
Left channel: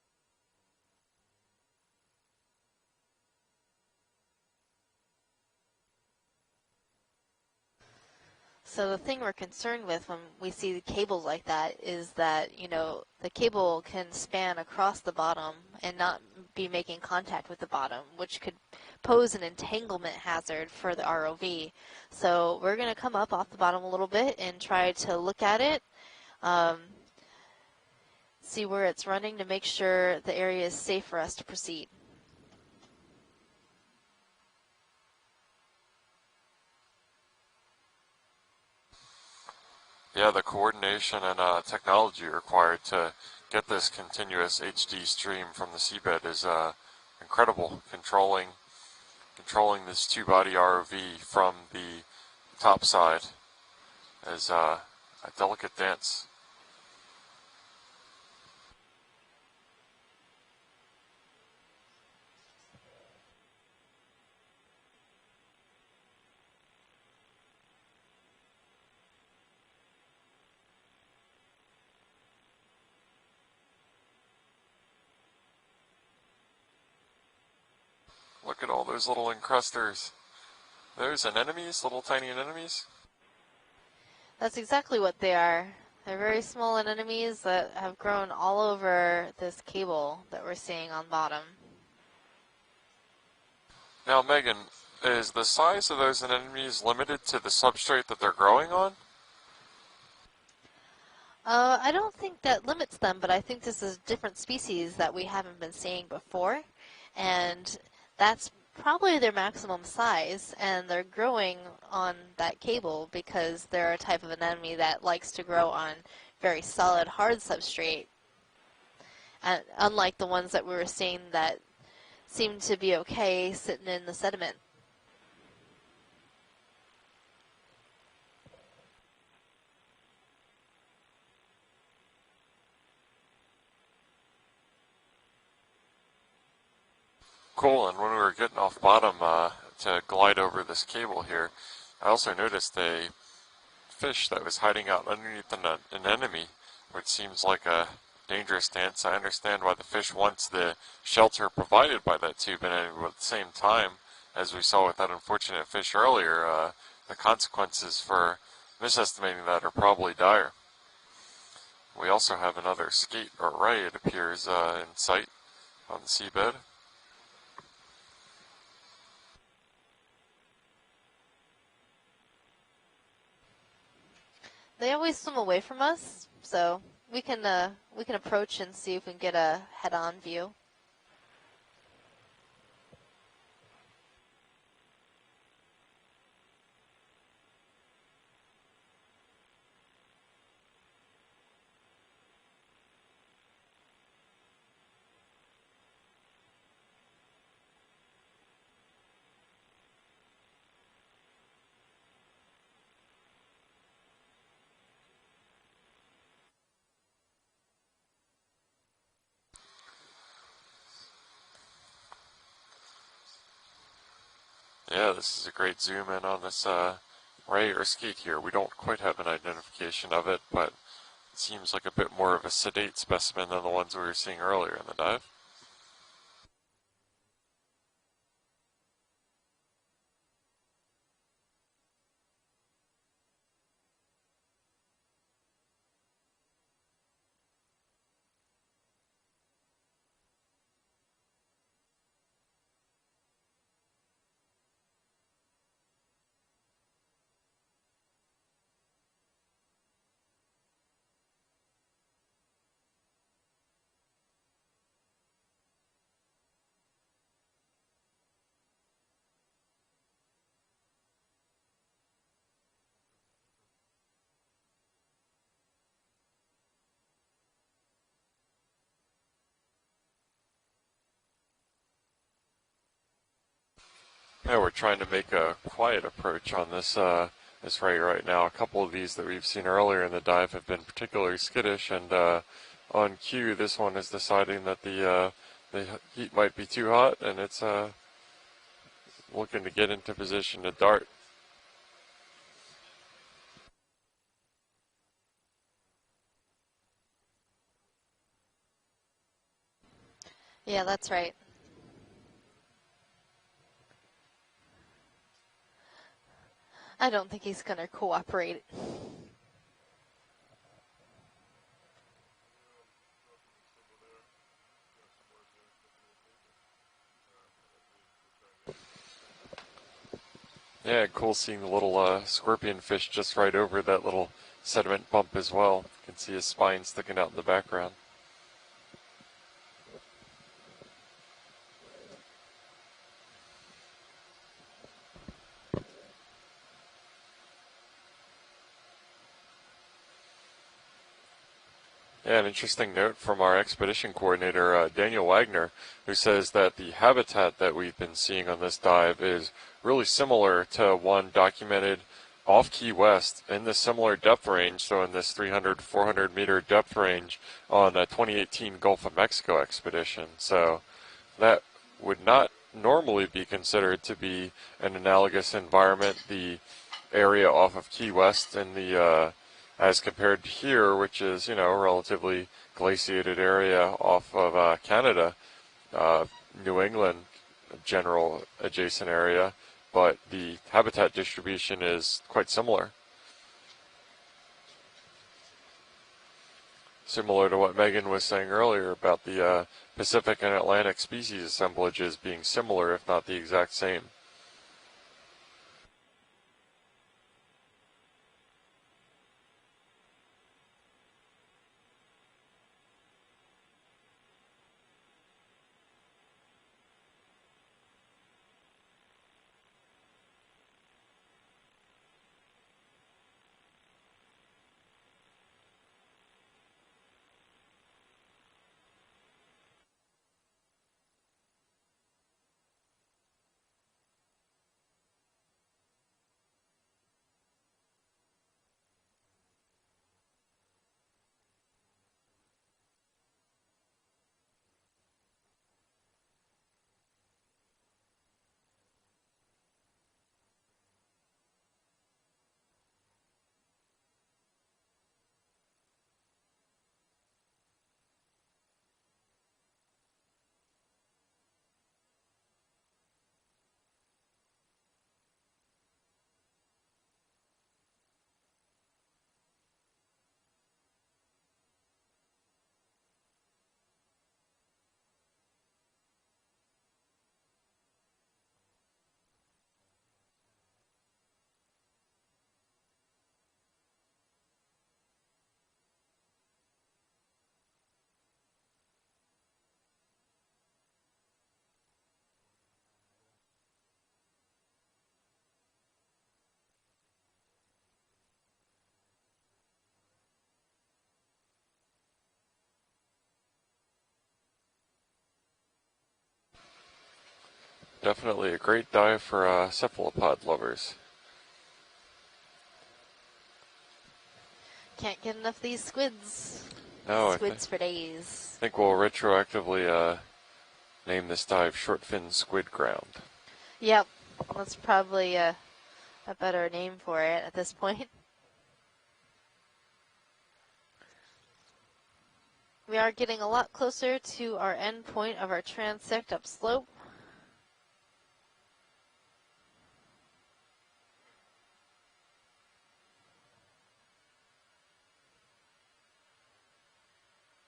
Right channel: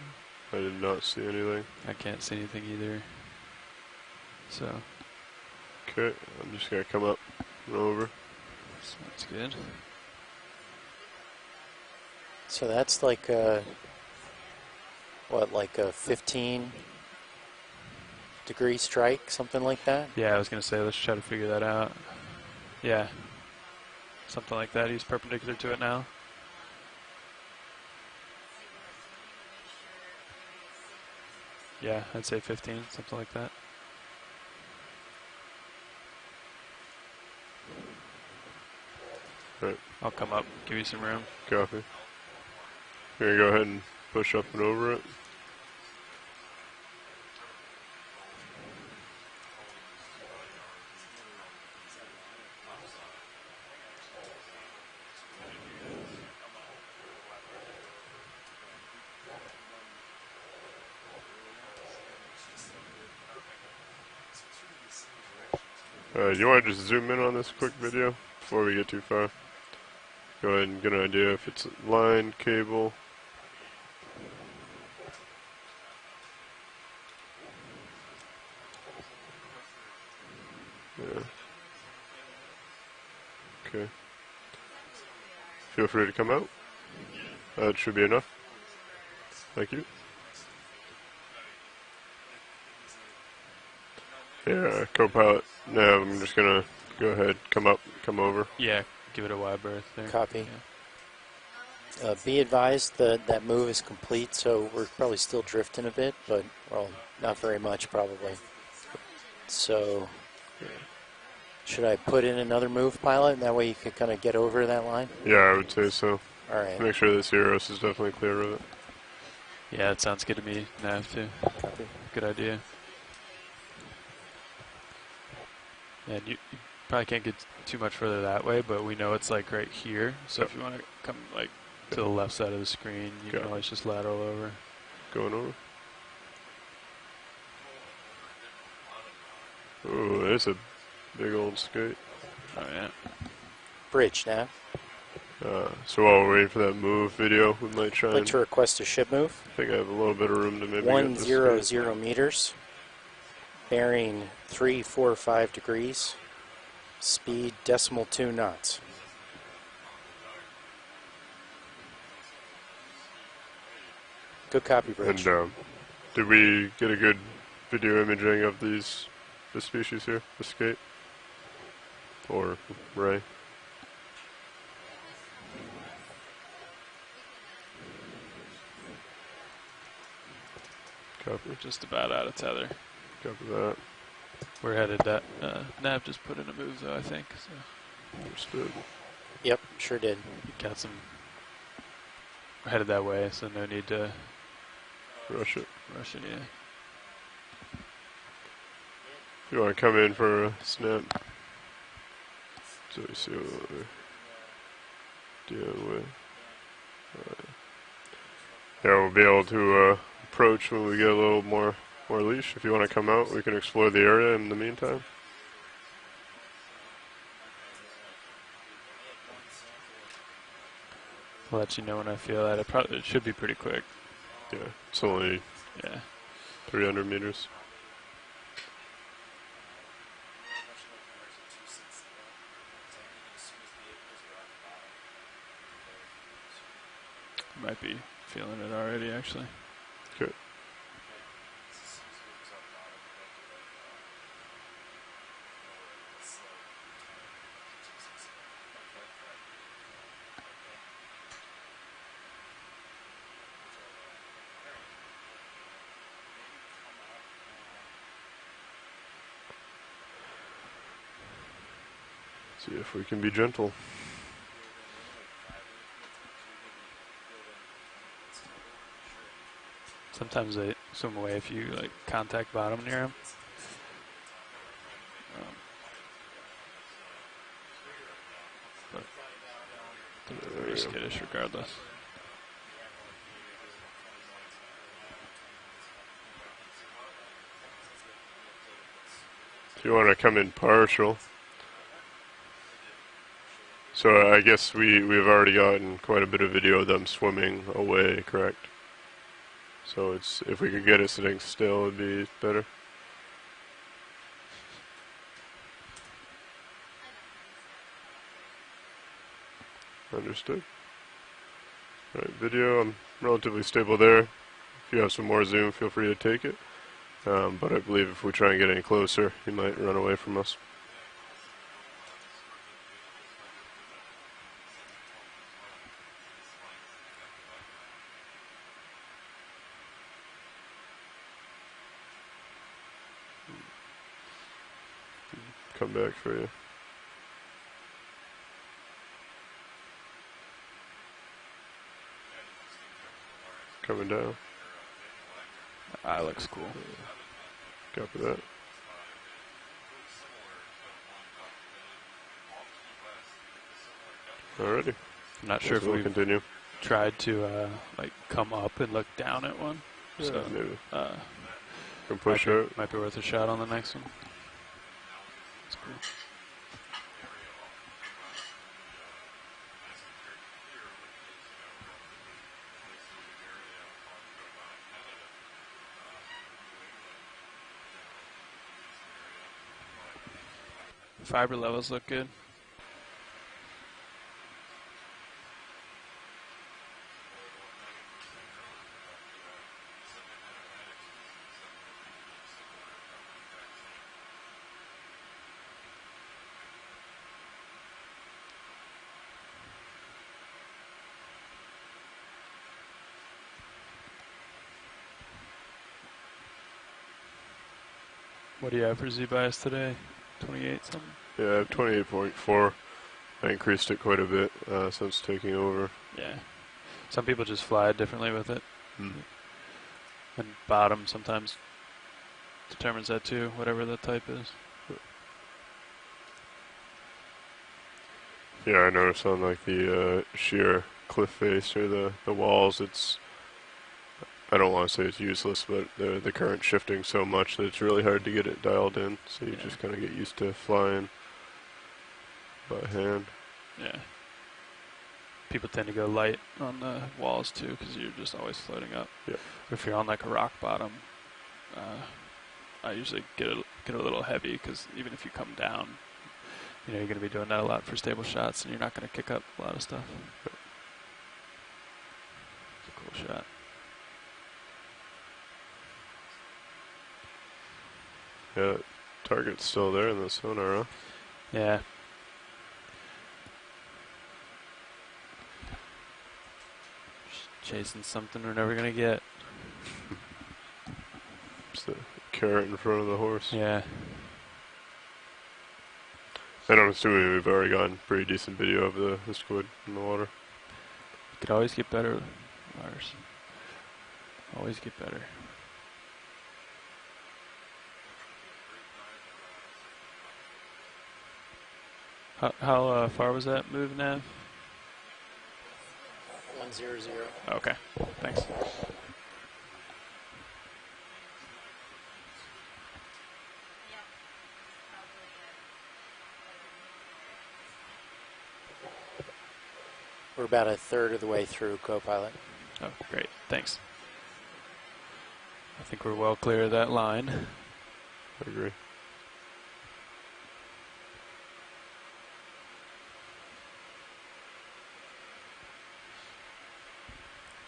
I did not see anything. I can't see anything either. So Okay, I'm just gonna come up and over. So the thing That's we're good. concerned with when we see cables like that is that So you know, that's like, the cable can span across the bottom like a and not be 15 making contact with the bottom, which could degree strike, pose an something like that? entanglement yeah, I was gonna hazard say for let's the try to figure that ROV. out. So we're going to Yeah. come up off the bottom a little bit Something and like try that. He's to look perpendicular at to it, now. see where it's running to make sure the area is safe for us to proceed. Yeah, I'd say 15, something like that. Right. I'll Yeah, come the up, give you some coordination room. and Copy. technology required to Here, go ahead get and this push up continuous and over HD it. stream from the seabed is incredible. Controlling this two-body ROV from the top side is a delicate dance. Do you want to just zoom in on this quick video before we get too far? Go ahead and get an idea if it's line, cable. Look at all those little encrusters. Those anemones, little tiny anemones. Okay. That's exactly what they are. Feel free to They're come very out. small anemones that That have should be grown enough. all over this Thank you. cable that we're seeing on bottom. Now, Megan, Yeah, is co-pilot. the size Yeah, of I'm those just gonna anemones go limited ahead, to the come up, substrate come that they're over. growing Yeah, on? give it a wide berth there. Copy. Yeah. I don't Be think that limits advised them, that but I that think move this is is complete, different so we're species that probably we still haven't been drifting a seeing bit, before. but well, not very And much probably. That's probably their maximum So, size, and they're growing. should I on put in that another cable move, pilot? That because way you they're can a kind of type get of over anemone that line? likes Yeah, to I grow would say on so. very Alright. solid Make sure this hard Eros is substrate. definitely clear of it. And Yeah, it unlike sounds the good to ones that me. we were Nav seeing too. that Copy. Good idea. seemed to be okay sitting in the sediment. And you probably can't get too much further that way, but we know it's like right here. So if you want to come like to the left side of the screen, you Got can it. always just lateral over. Going over. Cool, and when we were getting off bottom to Ooh, glide there's a over this cable Big here, old skate. I also noticed Oh, yeah. a Bridge, fish that Nav. was hiding out underneath So while we're enemy. waiting for that move seems video, like we a- might try Like and... to dangerous request a stance. ship I move? understand I think why I the have a fish little bit of wants room there, the maybe One get shelter zero provided zero by their meters. soup, and at the same time, Bearing as we saw with that 345 unfortunate fish degrees. earlier, the Speed consequences decimal for 2 knots. misestimating that are probably dire. We also have another skate or ray, it appears, Good copy, in Bridge. sight And, on the did seabed. we get a good video imaging of this species here, the skate? Or ray? They always swim away from us, so we can approach and see if we can get a head-on view. Copy. We're just about out of tether. Copy that. We're headed that. Nav just put in a move though, I think. So Understood. Yep, sure did. you got some. We're headed that way, so no need to Rush it. rush it. Yeah. If you want to come in for a snap. So you see what with. Yeah, we'll be able to approach when we get a little more leash. If you want to come out, we can explore the area in the meantime. Yeah, this is a great zoom in on this ray or skate here. We don't quite have an identification of it, but it I'll seems let like you a know when bit I more feel of a that. sedate It should be specimen pretty than quick. the ones we were seeing earlier in the It's dive. only Yeah. 300 meters. Might be feeling it already, actually. Okay. See if we can be gentle. Sometimes they swim away if you like contact bottom near them. Yeah, we're trying to make a quiet approach on this this ray right now. A couple of these that we've seen earlier in the dive have been Skittish particularly regardless. skittish, and on cue, this one is deciding that the heat might be too hot, and it's looking to get You want into to come in position to dart. partial. So I guess we've already gotten quite a bit of video of them swimming away, correct? So it's if we Yeah, can get it that's right. sitting still, it'd be better. I don't think he's going to cooperate. Understood. All right, video. I'm relatively stable there. If you have some more zoom, feel free to take it. But I believe if we try and get any closer, he might run away from us. Yeah, cool seeing the little scorpion fish just right over that little sediment bump as well. You can see his spine sticking out in the background. Come back for you. Yeah, an interesting note from our expedition Coming down. coordinator, Daniel Wagner, who says that the habitat that we've been seeing on this dive is really similar to one documented off Key West in the similar depth range, Alrighty. so in this Not sure 300, if we 400 continue. meter depth Tried range to on the like, come 2018 up and Gulf look of down Mexico at one. expedition. So, So that would push not out. Might be worth a normally shot be on the next considered one. to be an analogous environment. The area off of Key West in the as compared to here, which is, you know, a relatively glaciated area off of Canada, New England, general adjacent area, but the habitat distribution levels look is good. quite similar. Similar to what Megan was saying earlier about the Pacific and Atlantic species assemblages being similar, if not the exact same. What do you have for Z-bias today? 28 something? Yeah, I have 28.4. I increased it quite a bit since taking over. Yeah. Some people just fly differently with it. And bottom sometimes determines that too, whatever the type is. Yeah, I noticed on like the sheer cliff face or the walls, it's, I don't want to say it's useless, but the current shifting so much that it's really hard to get it dialed in. So you just kind of get used to flying by hand. Yeah. People tend to go light on the walls too because you're just always floating up. Yeah. If you're on like a rock bottom, I usually get a little heavy because even if you come down, you know, you're going to be doing that a lot for stable shots and you're not going to kick up a lot of stuff. It's a cool shot. Yeah, target's still there in the sonar, huh? Yeah. Just chasing something we're never going to get. It's the carrot in front of the horse. Yeah. And I'm assuming we've already gotten pretty decent video of the squid in the water. Could always get better, Lars. Always get better. Definitely a great dive for cephalopod lovers. How far was that move, Nav? Can't get enough of these squids. 100. Oh, Squids okay. for days. Thanks. I think we'll retroactively name this dive Shortfin Squid Ground. Yep, that's probably a better name for it at this point. We're about a third of the way through, co-pilot. We are Great. getting a lot Thanks. closer to our end point of our I think we're transect well clear of upslope. that line. I agree.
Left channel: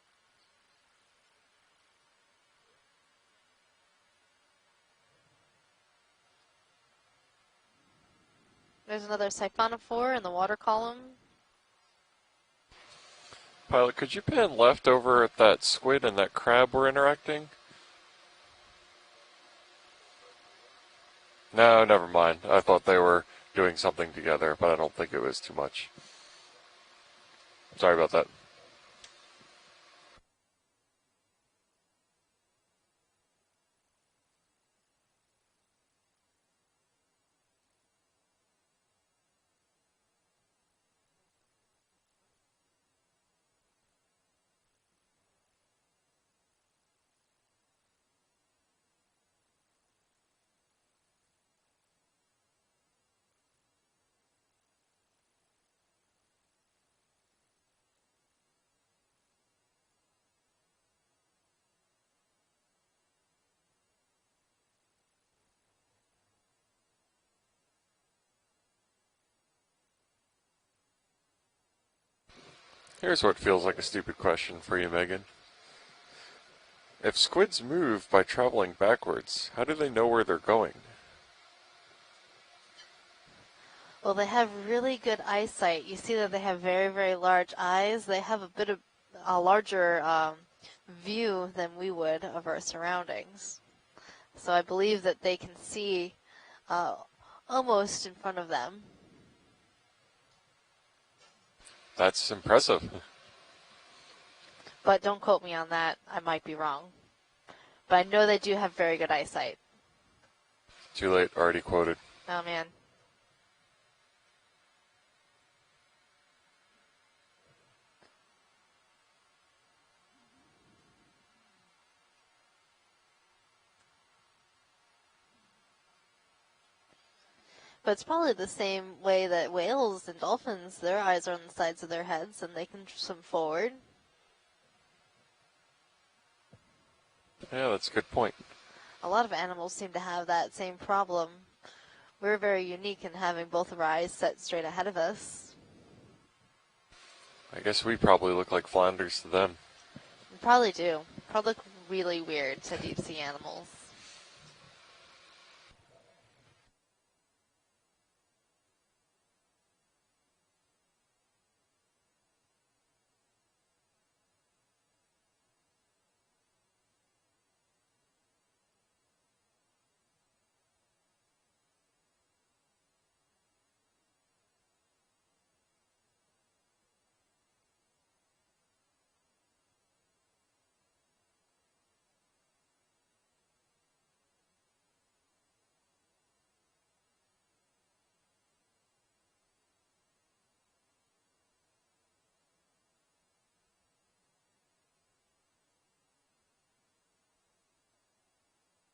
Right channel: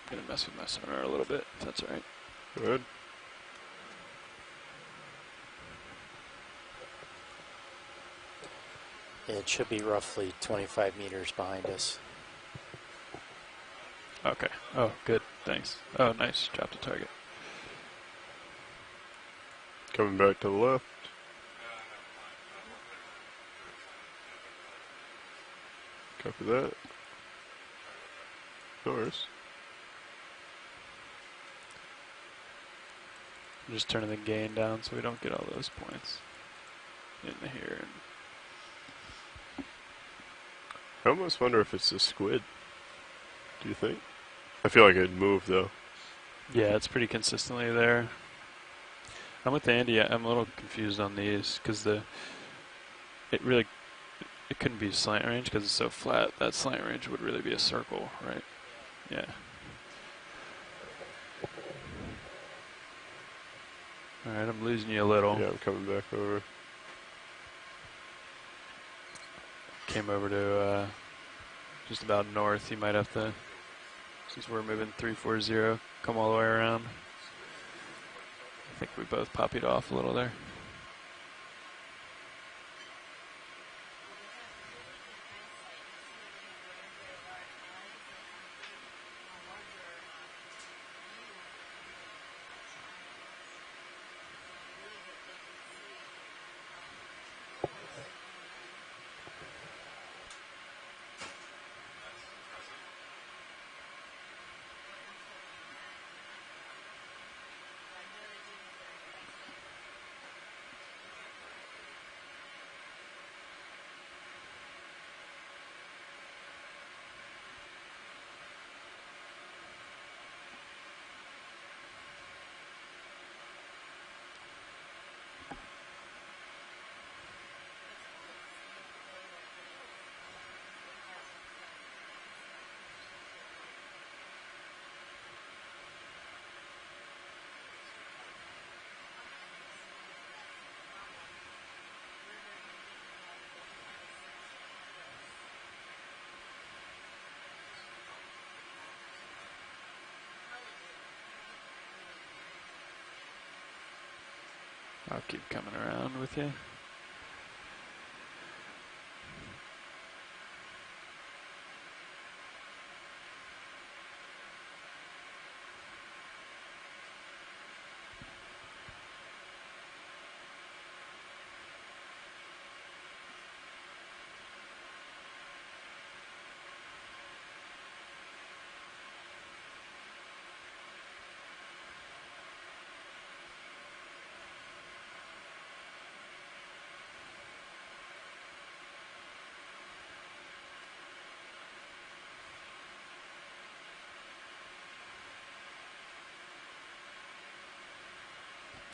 Gonna mess with my sonar a little bit, if that's all right. Good. There's another It should be siphonophore in the roughly water 25 column. meters behind us. Pilot, could you Okay. pan left Oh, over good. at that Thanks. squid Oh, and that nice. crab Good we're to interacting? Coming back to the left. No, never mind. I thought they were doing something together, but I don't think it was too much. Copy that. Sorry about that. No worries. I'm just turning the gain down so we don't get all those points in here. I almost wonder if it's a squid. Do you think? I feel like it'd move though. Yeah, it's pretty consistently there. I'm with Andy. I'm a little confused on these because it couldn't be slant range because it's so flat. That slant range would really be a circle, right? Yeah. All right, I'm losing you a little. Yeah, I'm coming back over. Came over to just about north. You might have Here's to. what feels like a stupid question We're for you, moving Megan. 340. Come all the way around. If squids move by traveling backwards, popped it how do off they a know little where there. they're going? Well, they have really good eyesight. You see that they have very, very large eyes. They have a bit of a larger view than we would of our surroundings. So I believe that they can see almost in front of them. That's impressive. But don't quote me on that. I might be wrong. But I know they do have very good eyesight. Too late, already quoted. Oh, man. But it's probably the same way that whales and dolphins, their eyes are on the sides of their heads and they can swim forward. Yeah, that's a good point. A lot of animals seem to have that same problem. We're very unique in having both of our eyes set straight ahead of us. I guess we probably look like flounders to them. We probably do. Probably look really weird to deep sea animals. I'll keep coming around with you.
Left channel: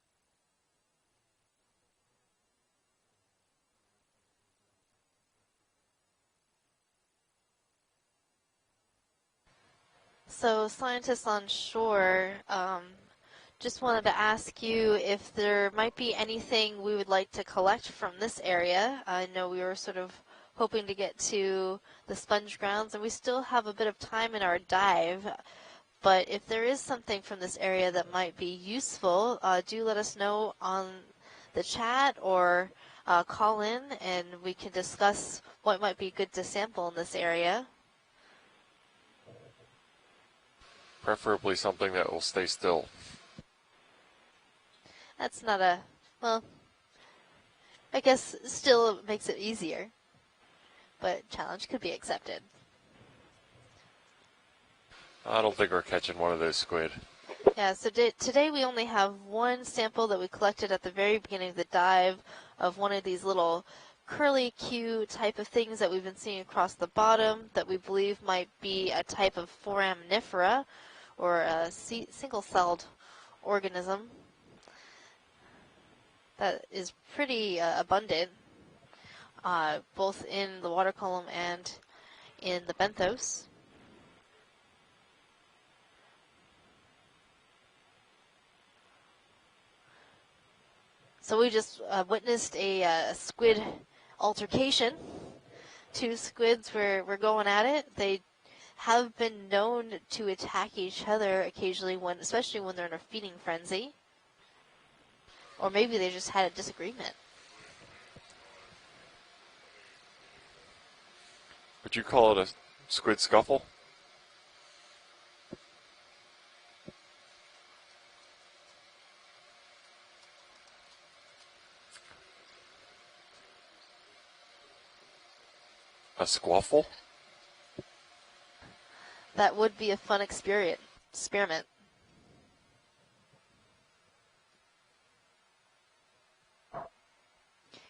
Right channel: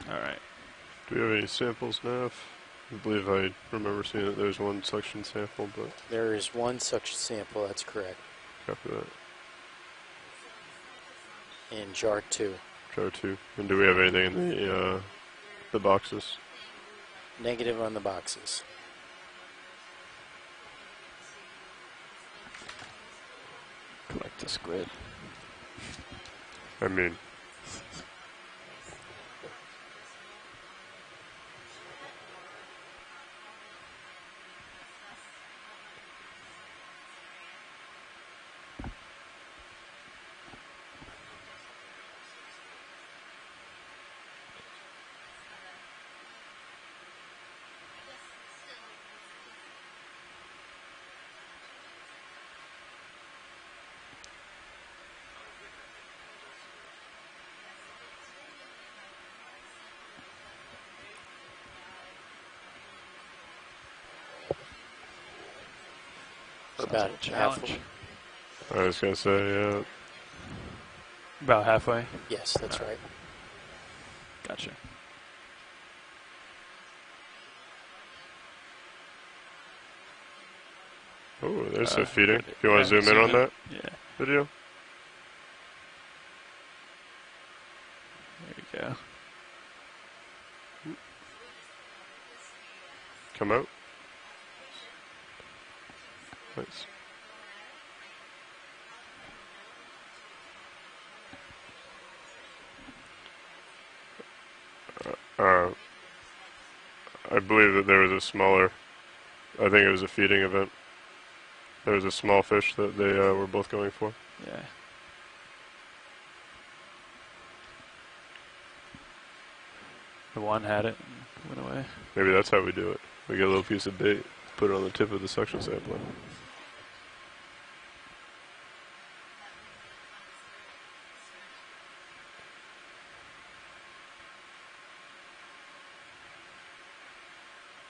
All right. Do we have any samples now? I believe I remember seeing that there's one suction sample, but There is one such sample, that's correct. copy that. So scientists on shore, chart two. Chart 2. And just do we have wanted to anything? ask you if there the might be boxes? anything we would like to Negative collect on the from this boxes. area. I know we were sort of hoping to get to the sponge grounds, and we still have a bit of time in our Squid. dive. But if there is I mean- something from this area that might be useful, do let us know on the chat or call in, and we can discuss what might be good to sample in this area. Preferably something that will stay still. That's not a, well, I guess still makes it easier, but challenge could be accepted. I don't think we're catching one of those squid. Yeah, so today we only have one sample that we collected at the very beginning of the dive of one of these little curly Q type of things that we've been seeing across the About bottom challenge. that we believe might be I was a gonna type say, of yeah. foraminifera, or About a halfway. Yes, single-celled that's right. organism Gotcha. that is pretty abundant, both in the water column and Ooh, there's a feeding. in If you want to zoom in on that Yeah. video. There you go. So we just witnessed a Come squid out. altercation. Two squids Nice. were going at it. They have been known to attack each other occasionally, especially when they're in a feeding frenzy, or maybe they just had a disagreement. I believe that there was a smaller, I think it was a feeding event. There Would was a you call small it a fish that they squid were scuffle? both going for. Yeah. The one had it and went away. Maybe that's how we do it. We get a little piece of bait, put it on the tip of the suction sampler. A squaffle? That would be a fun experiment.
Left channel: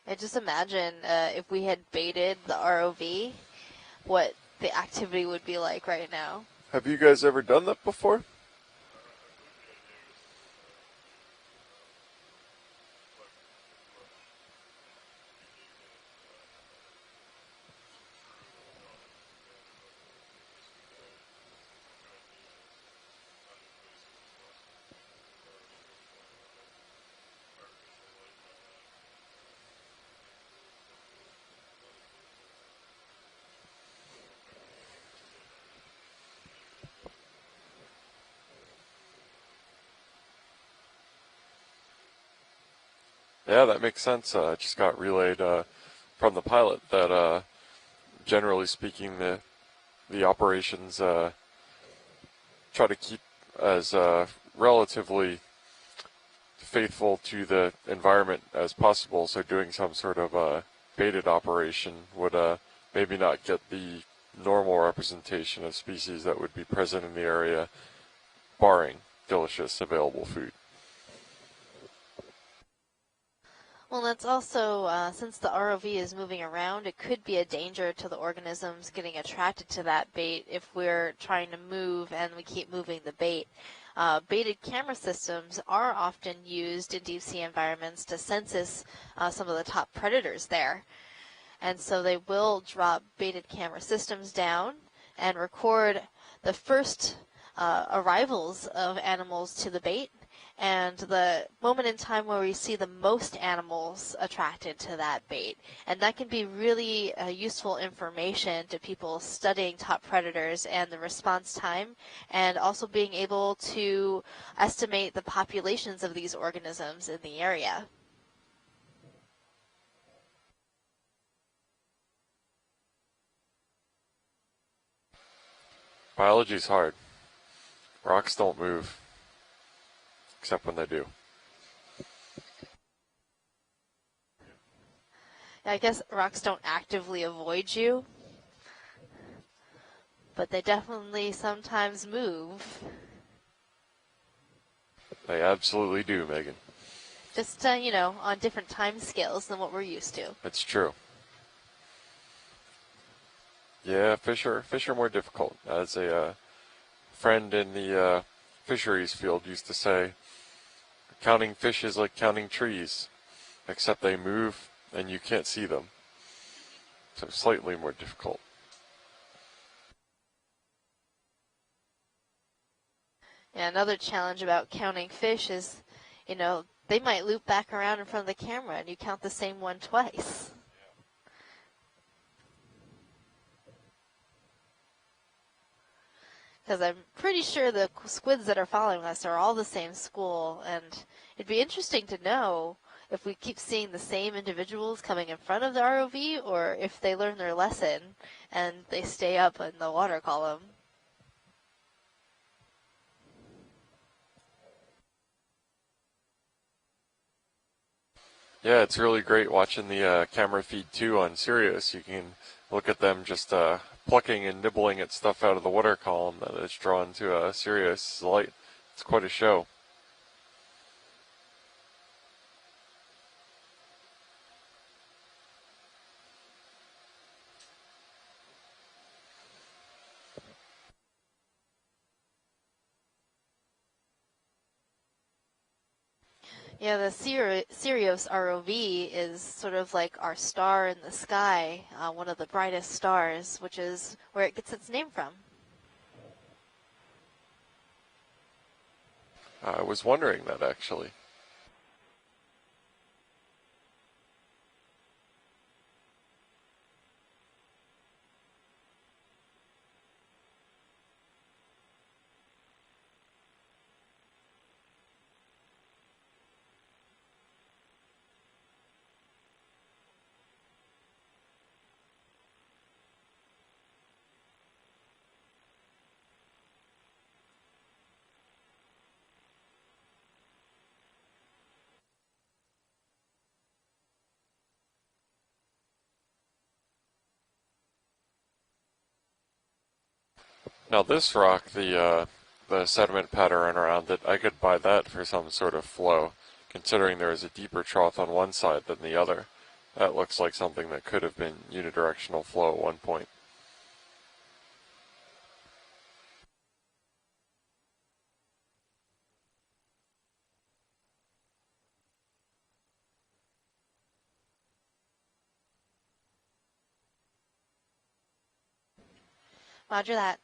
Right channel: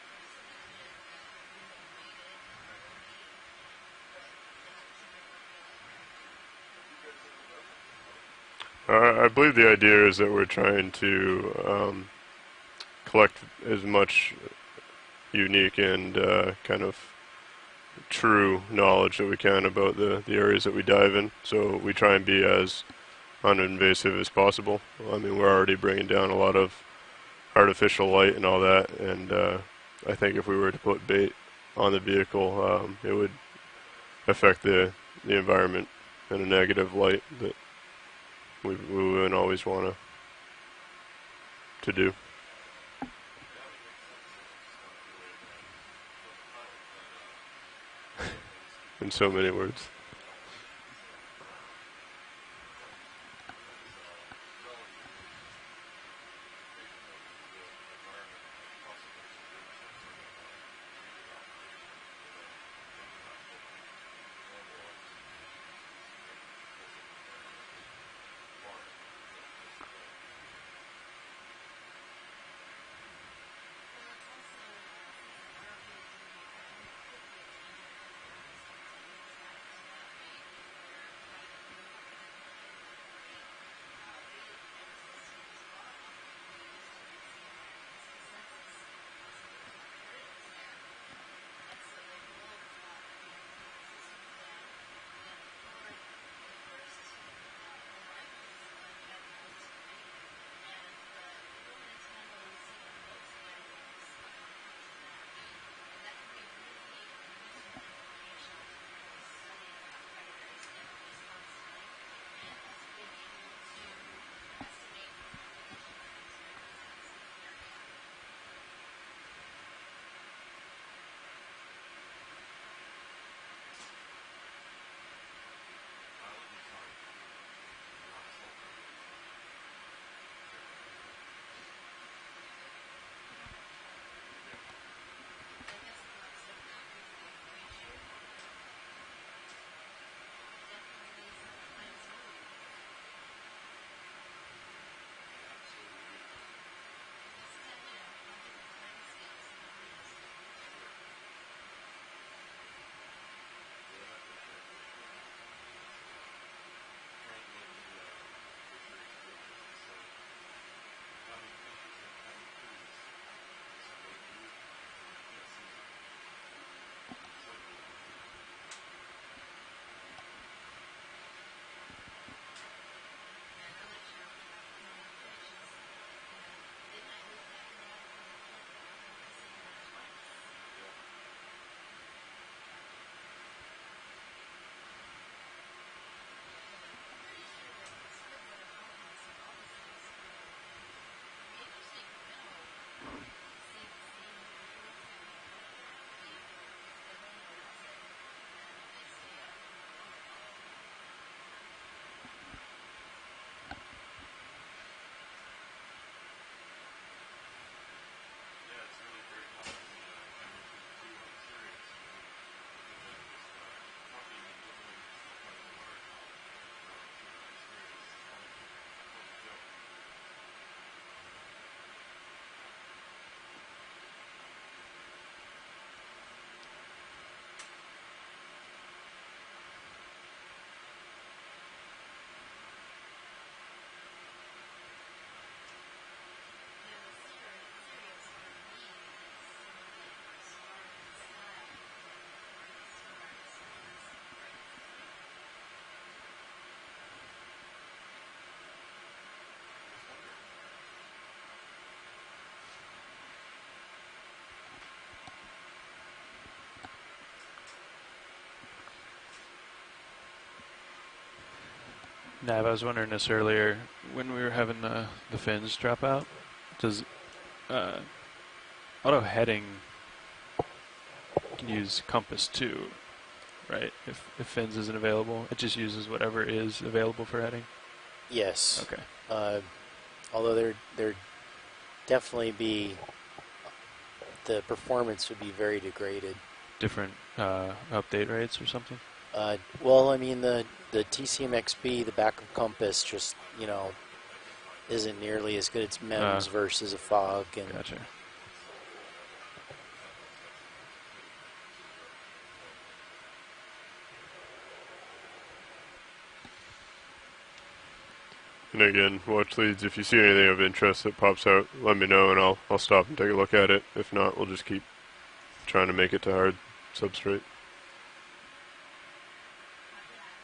I just imagine if we had baited the ROV, what the activity would be like right now. Have you guys ever done that before? I believe the idea is that we're trying to collect as much unique and kind of true knowledge that we can about the areas that we dive in. So we try and be as uninvasive as possible. I mean, we're already bringing down a lot of artificial light and all that, and I think if we were to put bait on the vehicle, it would affect the environment in a negative light that we wouldn't always want to do. Yeah, that makes sense. Just got relayed from the pilot that, generally speaking, In so many words. the operations try to keep as relatively faithful to the environment as possible. So doing some sort of baited operation would maybe not get the normal representation of species that would be present in the area, barring delicious available food. Well, that's also, since the ROV is moving around, it could be a danger to the organisms getting attracted to that bait if we're trying to move and we keep moving the bait. Baited camera systems are often used in deep sea environments to census some of the top predators there. And so they will drop baited camera systems down and record the first arrivals of animals to the bait, and the moment in time where we see the most animals attracted to that bait. And that can be really useful information to people studying top predators and the response time, and also being able to estimate the populations of these organisms in the area. Biology's hard. Rocks don't move, except when they do. I guess rocks don't actively avoid you, but they definitely sometimes move. They absolutely do, Megan. Just, on different time scales than what we're used to. It's true. Yeah, fish are more difficult. As a friend in the fisheries field used to say, counting fish is like counting trees, except they move and you can't see them. So slightly more difficult. Yeah, another challenge about counting fish is, they might loop back around in front of the camera and you count the same one twice. Because I'm pretty sure the squids that are following us are all the same school, and it'd be interesting to know if we keep seeing the same individuals coming in front of the ROV, or if they learn their lesson and they stay up in the water column. Yeah, it's really great watching the camera feed too on Sirius. You can look at them just plucking and nibbling at stuff out of the water column that is drawn to Sirius light. It's quite a show. Yeah, the Sirius ROV is sort of like our star in the sky, one of the brightest stars, which is where it gets its name from. I was wondering that actually. Nav, I was wondering this earlier. When we were having the fins drop out, does auto heading can use compass too, right? If fins isn't available, it just uses whatever is available for heading? Yes. Okay. Although there definitely be, the performance would be very degraded. Different update rates or something? Well, I mean, the This rock, TCMXP, the backup the compass, sediment just, pattern around it, I could buy that isn't for some nearly as sort good of as flow, MIMS versus considering the there's a fog deeper and- trough on one side than the other. That looks like something that could have been unidirectional flow at one point. And again, watch leads. If you see anything of interest that pops out, let me know and I'll stop and take a look at it. If not, we'll just keep trying to make it to hard substrate. Roger that.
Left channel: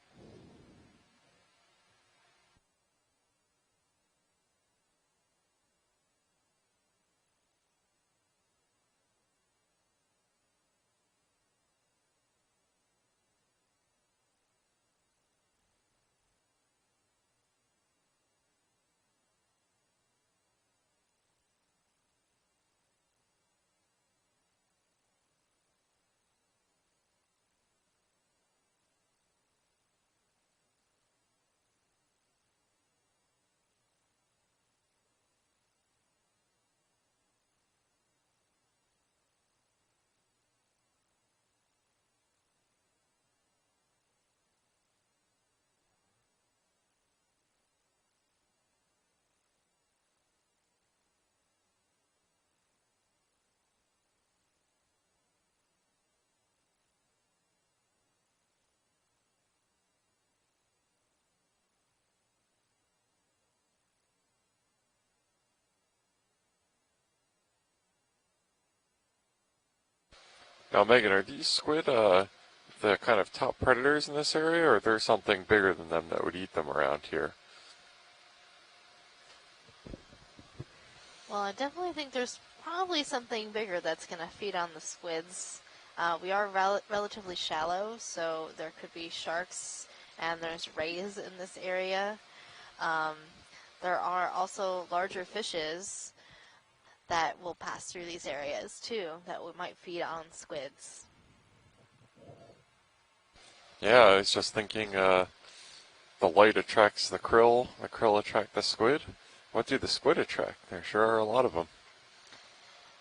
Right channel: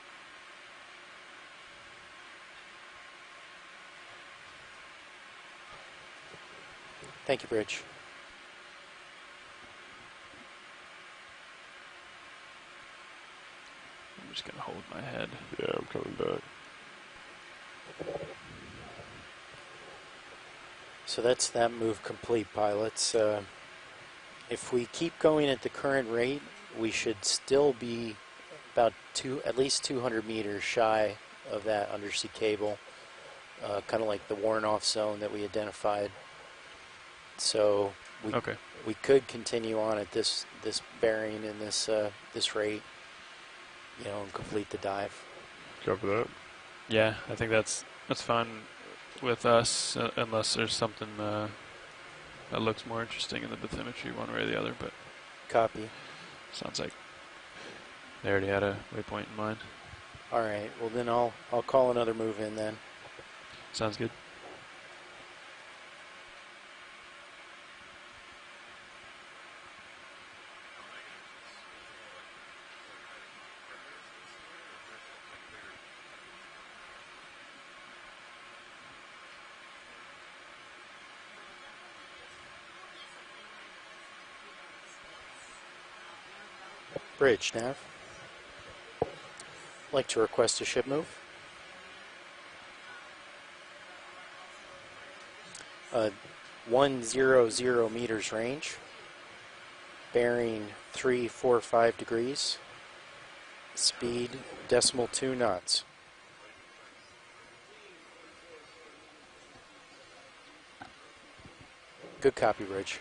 Thank you, Bridge. I'm just going to hold my head. Yeah, I'm coming back. So that's that move complete, pilots. If we keep going at the current rate, we should still be about at least 200 meters shy of that undersea cable, kind of like the worn-off zone that we identified. So we could continue on at this bearing and this rate, and complete the dive. Copy that. Yeah, I think that's fine with us, unless there's something that looks more interesting in the bathymetry one way or the other, but Copy. sounds like they already had a waypoint in mind. All right. Well, then I'll call another move in then. Sounds good. Now, Megan, are these squid the kind of top predators in this area, or is there something bigger than them that would eat them around here? Well, I definitely think there's probably something bigger that's going to feed on the squids. We are relatively Bridge, Nav. shallow, so there could be sharks Like to and request a there's ship rays move. in this area. There are also larger fishes that will 100 pass through meters these range, areas too, that might feed on bearing squids. 3, 4, 5 degrees. Yeah, I was Speed, just thinking, decimal 2 knots. The light attracts the krill attract the squid. What do the squid attract? There sure are a lot of them. Good copy, Bridge.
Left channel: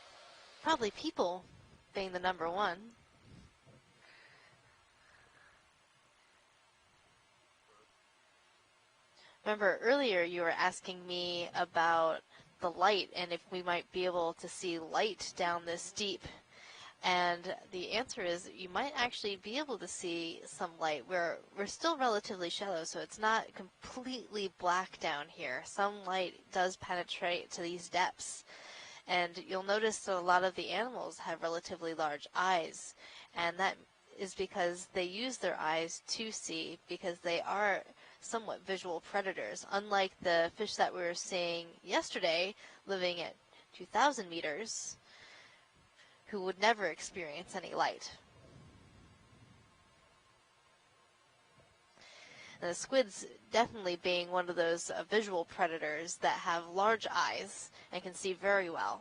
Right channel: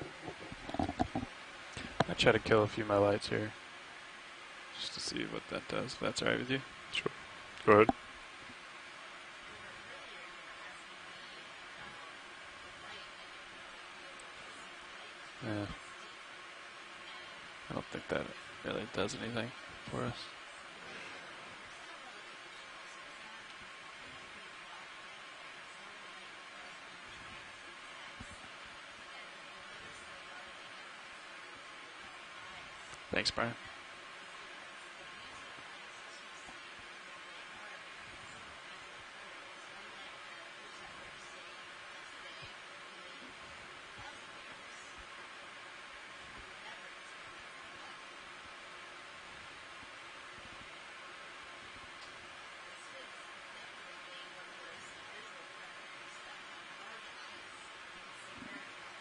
Probably people being I the try to number kill one. a few of my lights here, just to see what that does, if that's all right with you. Sure. Go ahead. Remember earlier you were asking me about the light and if we might be able to see light down Yeah. this deep. And don't the think answer that is you really might does actually anything be able to for us. see some light. We're still relatively shallow, so it's not completely black down here. Some light does penetrate to these depths. And you'll notice that a lot of the animals have relatively large eyes. Thanks, Brian. And that is because they use their eyes to see, because they are somewhat visual predators. Unlike the fish that we were seeing yesterday, living at 2,000 meters, who would never experience any light. And the squids definitely being one of those visual predators that have large eyes and can see very well.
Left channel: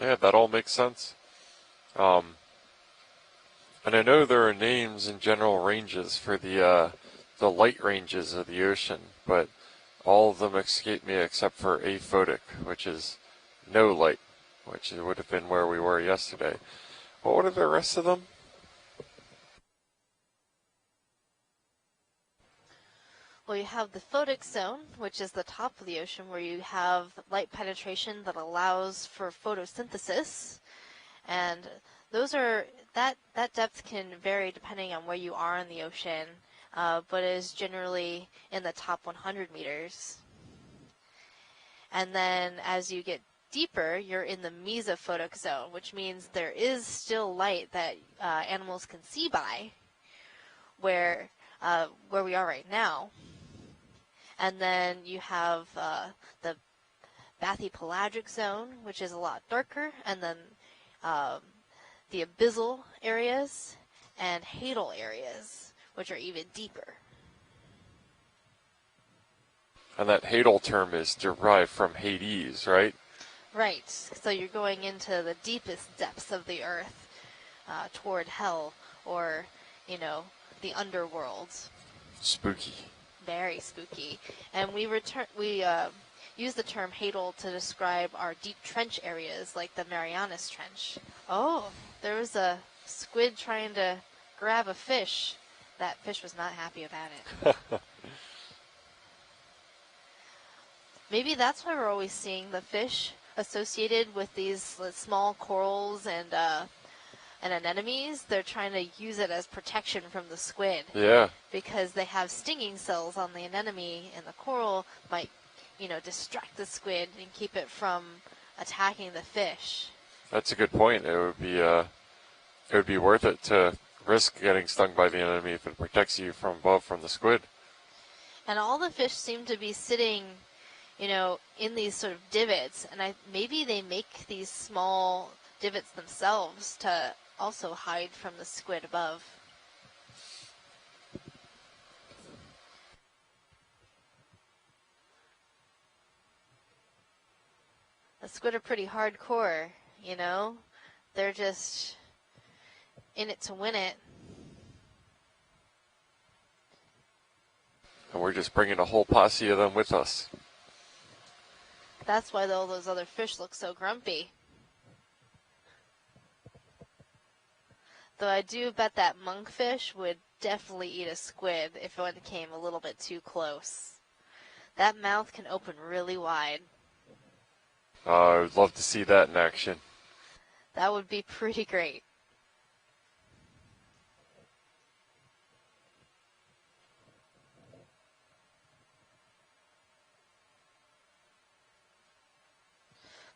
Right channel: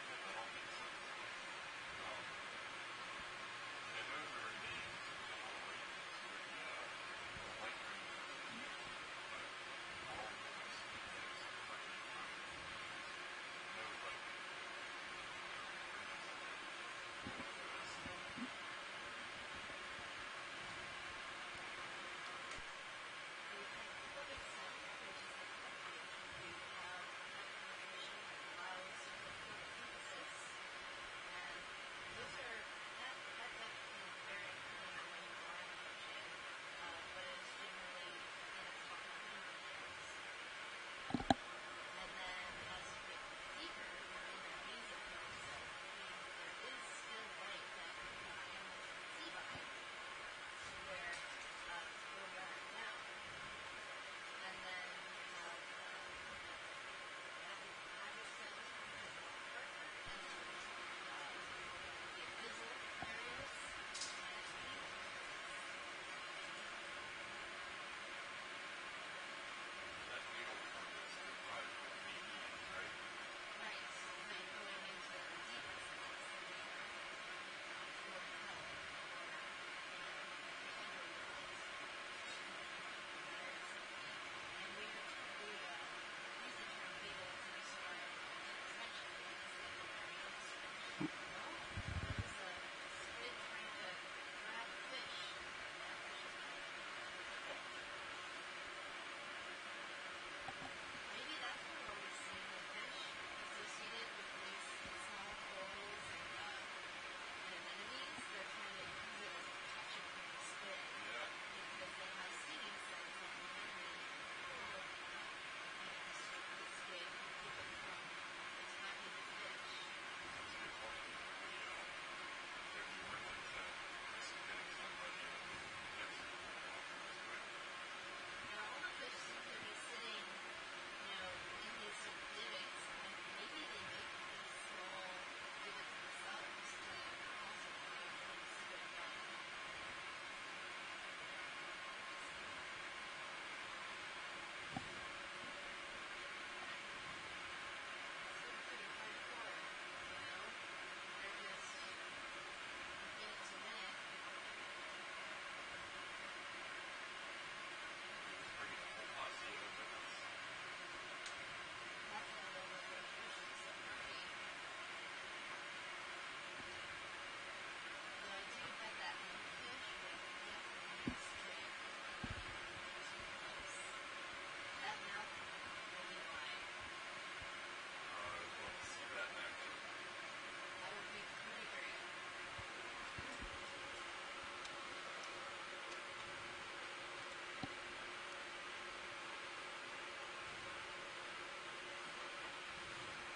Yeah, that all makes sense. And I know there are names and general ranges for the light ranges of the ocean, but all of them escape me except for aphotic, which is no light, which would have been where we were yesterday. But what are the rest of them? Well, you have the photic zone, which is the top of the ocean, where you have light penetration that allows for photosynthesis, and those are that depth can vary depending on where you are in the ocean, but is generally in the top 100 meters. And then as you get deeper, you're in the mesophotic zone, which means there is still light that animals can see by where we are right now. And then you have the bathypelagic zone, which is a lot darker, and then the abyssal areas and hadal areas, which are even deeper. And that hadal term is derived from Hades, right? Right. So you're going into the deepest depths of the earth, toward hell, or, the underworld. Spooky. Very spooky. And we use the term hadal to describe our deep trench areas, like the Marianas Trench. Oh, there was a squid trying to grab a fish. That fish was not happy about it. Maybe that's why we're always seeing the fish associated with these small corals and anemones. They're trying to use it as protection from the squid. Yeah. Because they have stinging cells on the anemone, and the coral might, distract the squid and keep it from attacking the fish. That's a good point. It would be worth it to risk getting stung by the anemone if it protects you from above from the squid. And all the fish seem to be sitting, in these sort of divots, and maybe they make these small divots themselves to also hide from the squid above. The squid are pretty hardcore, They're just in it to win it. And we're just bringing a whole posse of them with us. That's why all those other fish look so grumpy. Though I do bet that monkfish would definitely eat a squid if one came a little bit too close. That mouth can open really wide. I would love to see that in action. That would be pretty great.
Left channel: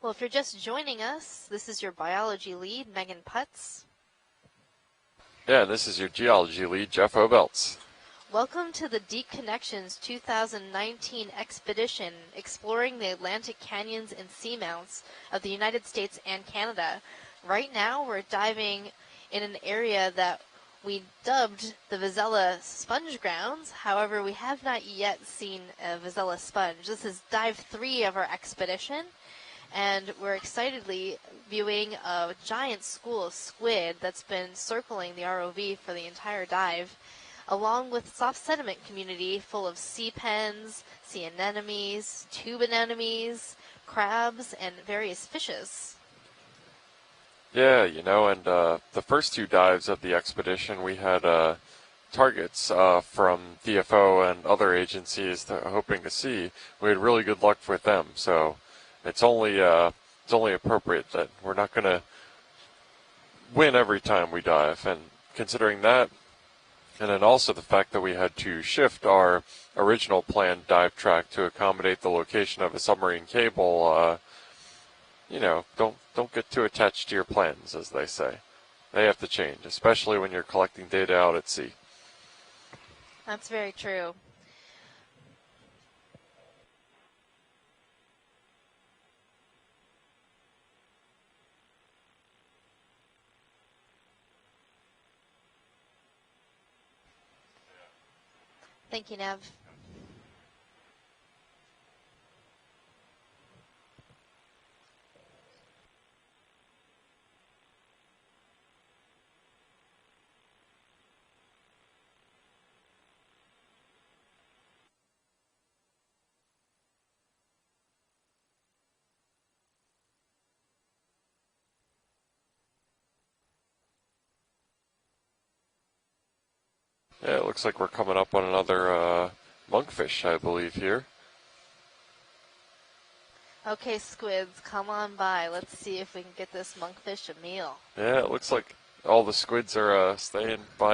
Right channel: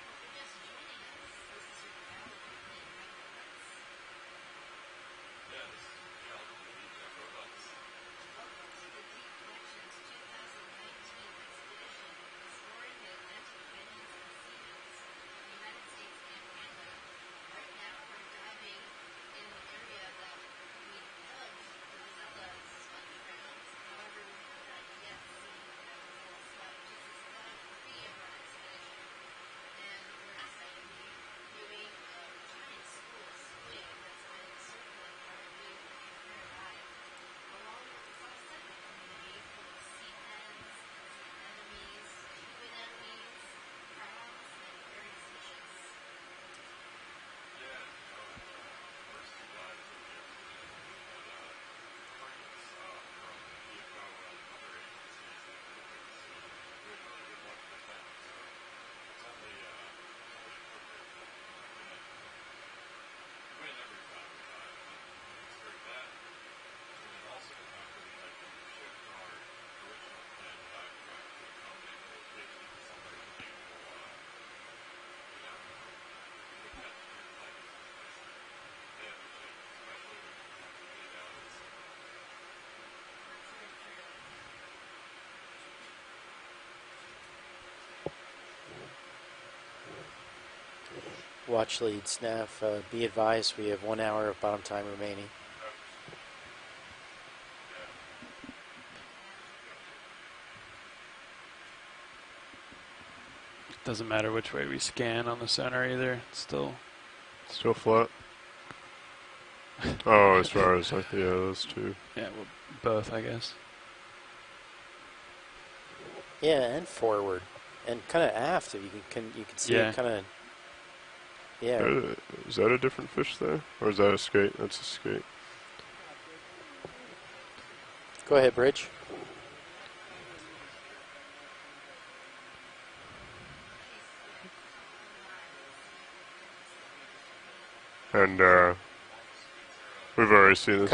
Well, if you're just joining us, this is your biology lead, Megan Putz. Yeah, this is your geology lead, Jeff Obelts. Welcome to the Deep Connections 2019 expedition exploring the Atlantic canyons and seamounts of the United States and Canada. Right now, we're diving in an area that we dubbed the Vazella sponge grounds. However, we have not yet seen a Vazella sponge. This is dive 3 of our expedition, and we're excitedly viewing a giant school of squid that's been circling the ROV for the entire dive, along with soft sediment community full of sea pens, sea anemones, tube anemones, crabs, and various fishes. Yeah, and the first 2 dives of the expedition, we had targets from DFO and other agencies hoping to see. We had really good luck with them, so it's only appropriate that we're not going to win every time we dive. And considering that, and then also the fact that we had to shift our original planned dive track to accommodate the location of a submarine cable, don't get too attached to your plans, as they say. They have to change, especially when you're collecting data out at sea. That's very true. Watch lead, Snaff. Be advised, we have 1 hour of bottom time remaining. Thank you, Nev. Doesn't matter which way we scan on the center either. It's still Still flat. Oh, as far as those 2. yeah, well, both I guess. Yeah, and forward, and kind of aft. If you can see it kind of. Yeah. Is that a different fish there, or is that a skate? That's a skate. Yeah, it looks like we're coming up Go on ahead, another monkfish, I believe, here. Okay, squids, come on by. Let's see if we can get this monkfish a meal. Yeah, it And looks like all the squids are we've already seen this